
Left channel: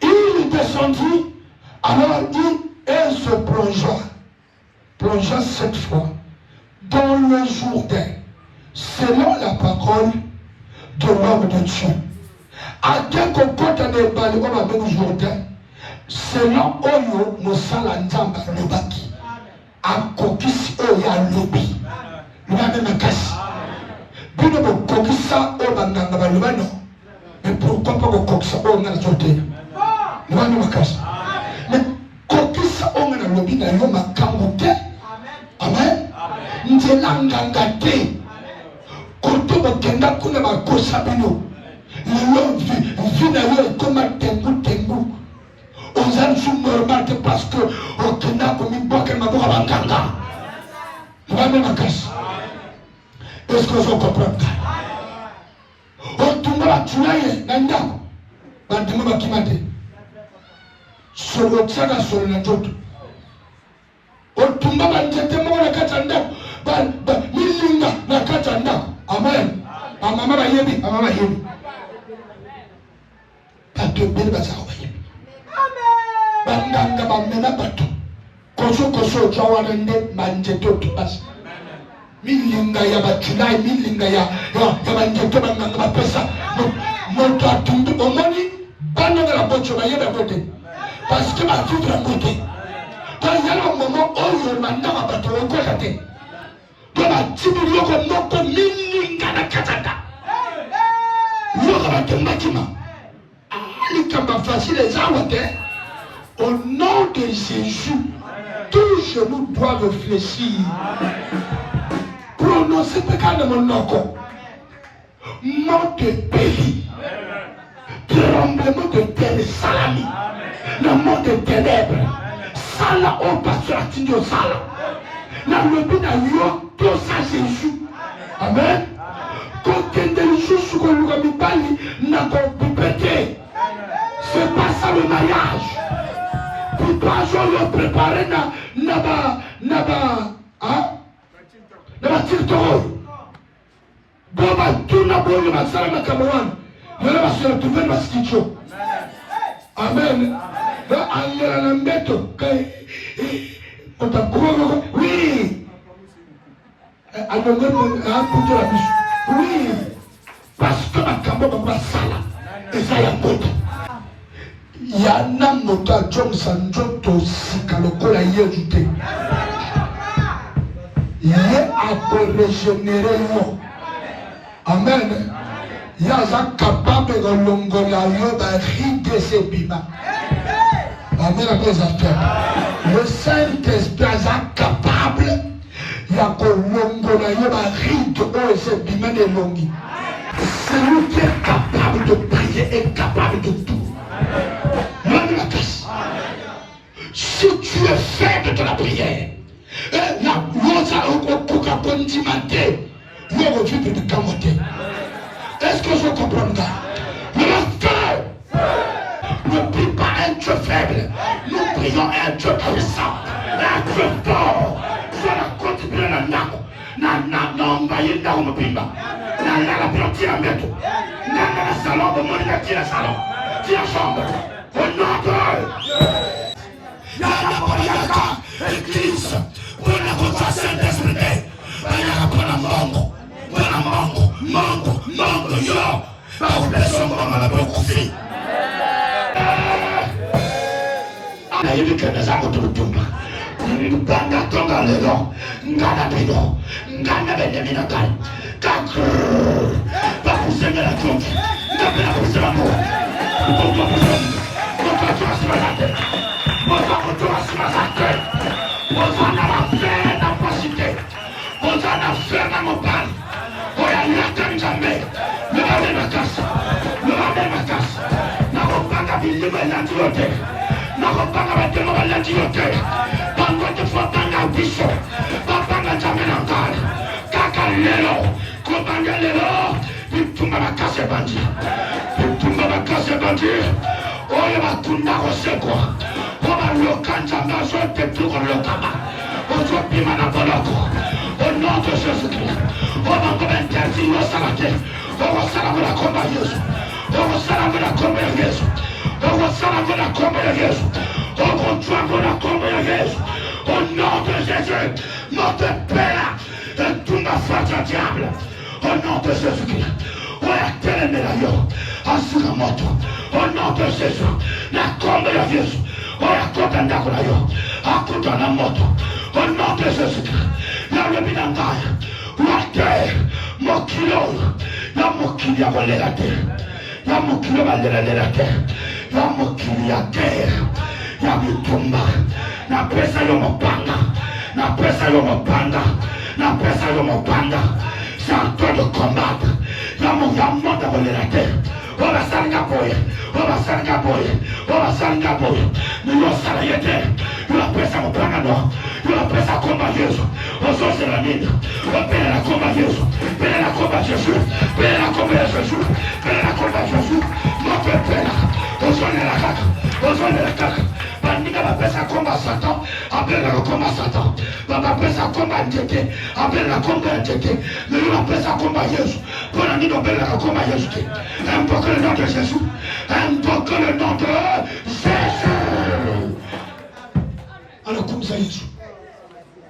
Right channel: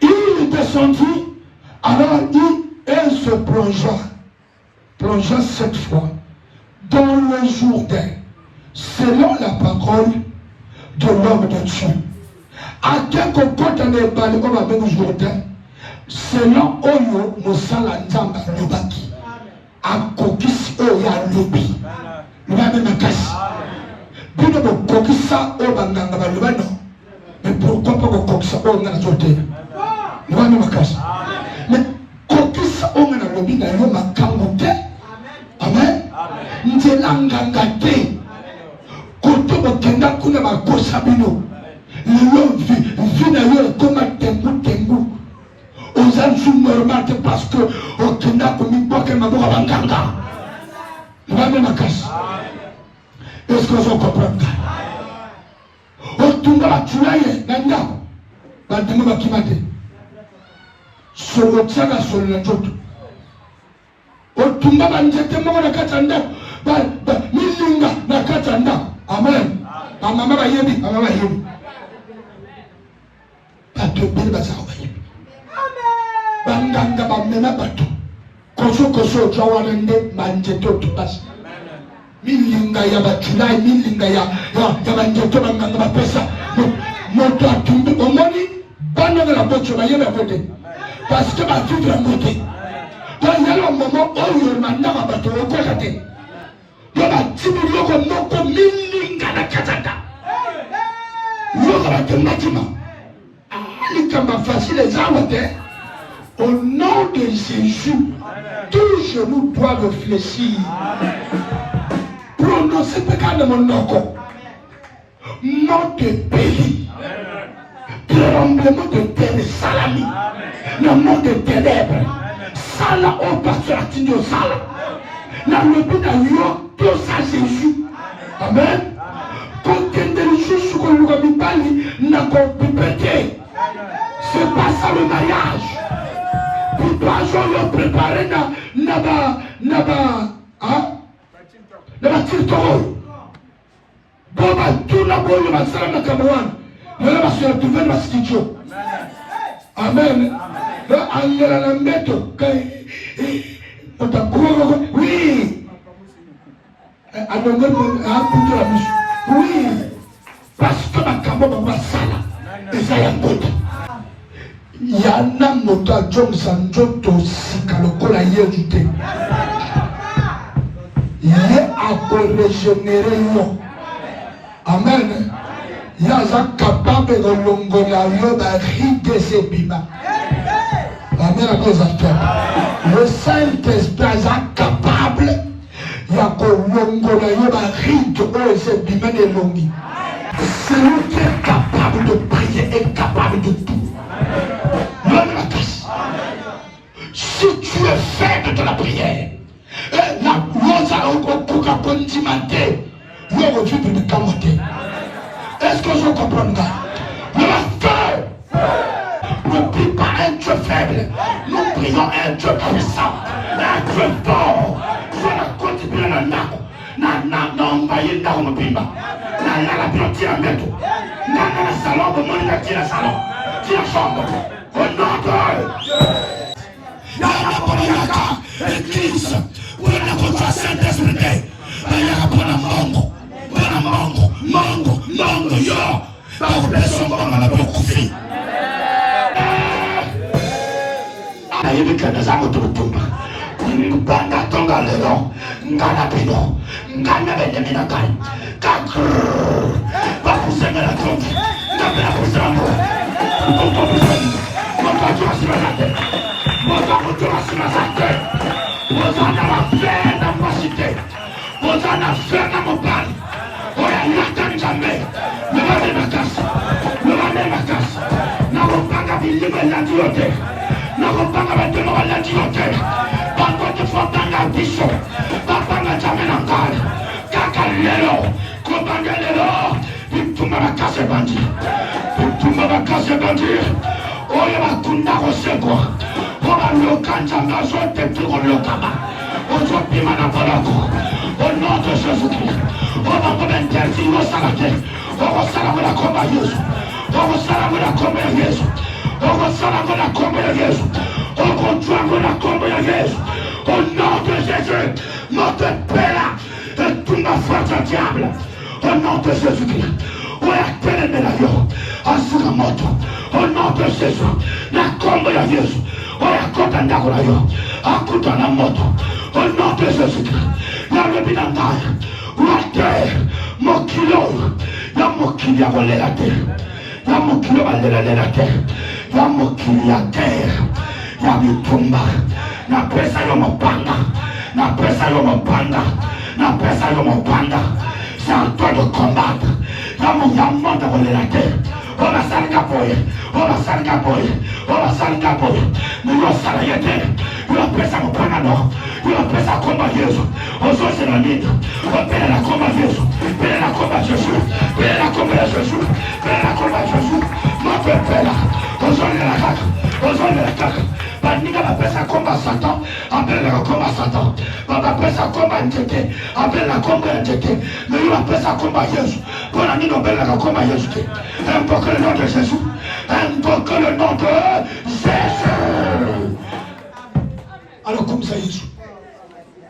il descendit, alors il se plongea 7 fois dans le Jourdain, selon la parole de l'homme de Dieu. À quel côté de parler comme avec le Jourdain, selon Oyo Mosala Nzamba Lobaki, à Kokis Oya Lobi, nous avons une casse. Bien que Kokisa Obanganga Lobano, mais pourquoi pas Kokisa Oya Jourdain? Nous avons une casse. Mais Kokisa Oya Lobi n'a pas Kamute. Amen. Nzelanganga te. Koto Okenda Kuna Bakosabino. Vu na yo koma tengu. Aux âges normaux parce que Okenda comme une boîte na boka banganga. Nous avons une casse. Est-ce que vous comprenez? Otumba tuaye nanda. Bandemu bakimate. Solo tsaka solo na joto. Otumba banjete mo na katanda. Ba milinga na katanda. Amen. Amama yebi. Pato bela sawaye. Banganga bamena pato. Koso chawana nde manjete otubas. Milinga ya bachunai, milinga ya banjete banganga bapesa. Moto atumbi omoni bana la bocho bayebe bote. Parce que ma fille est montée. Dans le moment où il m'a dit que je vais te dans la petite logo, non pas milinga na katata. Logo va te matima. Il est facile les awater. Au nom de Jésus, tout genou doit réfléchir. Prononcer péché de mon nom. Nom de pays. Tremblement de terre salami. Le monde de ténèbres, Sala au pasteur Tino Sala. Dans le but d'ailleurs, tout ça Jésus. Amen. Quand il y a des choses sur le Ramibali, n'a pas pu péter. C'est pas ça le mariage. Puis pas le préparer n'a tirtoro. Boba, tout n'a pas eu ma salle na Cameroun. Ne la se retrouver ma stitcho. Amen. Angela Lambeto, oui, oui, parce que ma caméra m'a sala, et ça y a d'autres. Yana Mota Johnson Joto Sikalokola Yéluté. Il est à régénérer l'eau. Amen. Il est capable de l'ongola yoba ride ses bima. Amen. Le Saint-Esprit est capable de l'ongola yoba ride ses bima de longi. Celui qui est capable de prier est capable de tout. Si tu es faible de la prière, la rosa au condimenter, le refus de camoter. Est-ce que je comprends ça? Ne prie pas un Dieu faible, nous prions un Dieu puissant, un Dieu fort. Je la côte bien à Nako, Nambaye Nako Bimba, Nana Bianchi à Meto, Nana Salon, Monica qui la salon, qui la chambre, au nom de Yaka, l'église, pour la votation Saint-Esprit, Mango, yo, pas vous laisser mon maman la bonne couvée. Na hivi kanisa kututumba. Nganga tonga leo, ngana bido, ngana bende minakai. Kakru. Ba kusema la tonga. Ngabela kusema. Ngoko kusema. Ngoko kusema lake. Ngoko kusema lake. Ngoko na wapenda mashite. Ngoko na fena mbali. Oya yata mjambe. Ngabela makasa. Ngabela makasa. Na wapanga bilima na tulote. Na wapanga batema wala tulote. Bango tufapanga bisho. Bapanga jamena ngana. Kakalelo. Kobangelelo. Bitumba bakase bandi. Bitumba bakase bandi. dire, oyo bakunda kosekwa, obaloka nzambe azotepi kolokama, ozopima na boloko, au nom de Jésus-Christ, obakoma interdit osala te, okosala ngo na kombo ya Yesu, okosala ngo na kombo ya Yesu, okosala ngo na kombo ya Yesu, okotwa ngo na kombo ya Yesu, au nom de Jésus, notre Père, et tout ma force diable, au nom de Jésus-Christ, oya telemela yo, asuka moto, au nom de Jésus, na kombo ya Yesu, oya kota ndako na yo, akuta na moto, au nom de Jésus-Christ, na bebina ngaya, wate, mokilo, na mokili ya kolela te, na mokili balela te, na mokili ya te, na mitumba, na pesa yo mopanga, na pesa yo mopanga, na pesa yo mopanga, c'est en toi de combattre, na mouyamment de kolela te, on va salga boye, on va salga boye, on va salga boye, nous on salga te, nous on pesa mopanga no, nous on pesa combat Jésus, on se c'est la nid, on paie la combat Jésus, paie la combat Jésus, paie la combat Jésus, paie la combat Jésus, notre Père, on se la carte, on se la carte, bandika la pesa combat Satan, appelle la combat Satan, papa pesa combat Njeke, appelle la combat Njeke, mais nous on pesa combat Jésus, pour la nid on appelle la combat Jésus, invoque le nom de Jésus, invoque le nom de Jésus. Alors comme ça Jésus.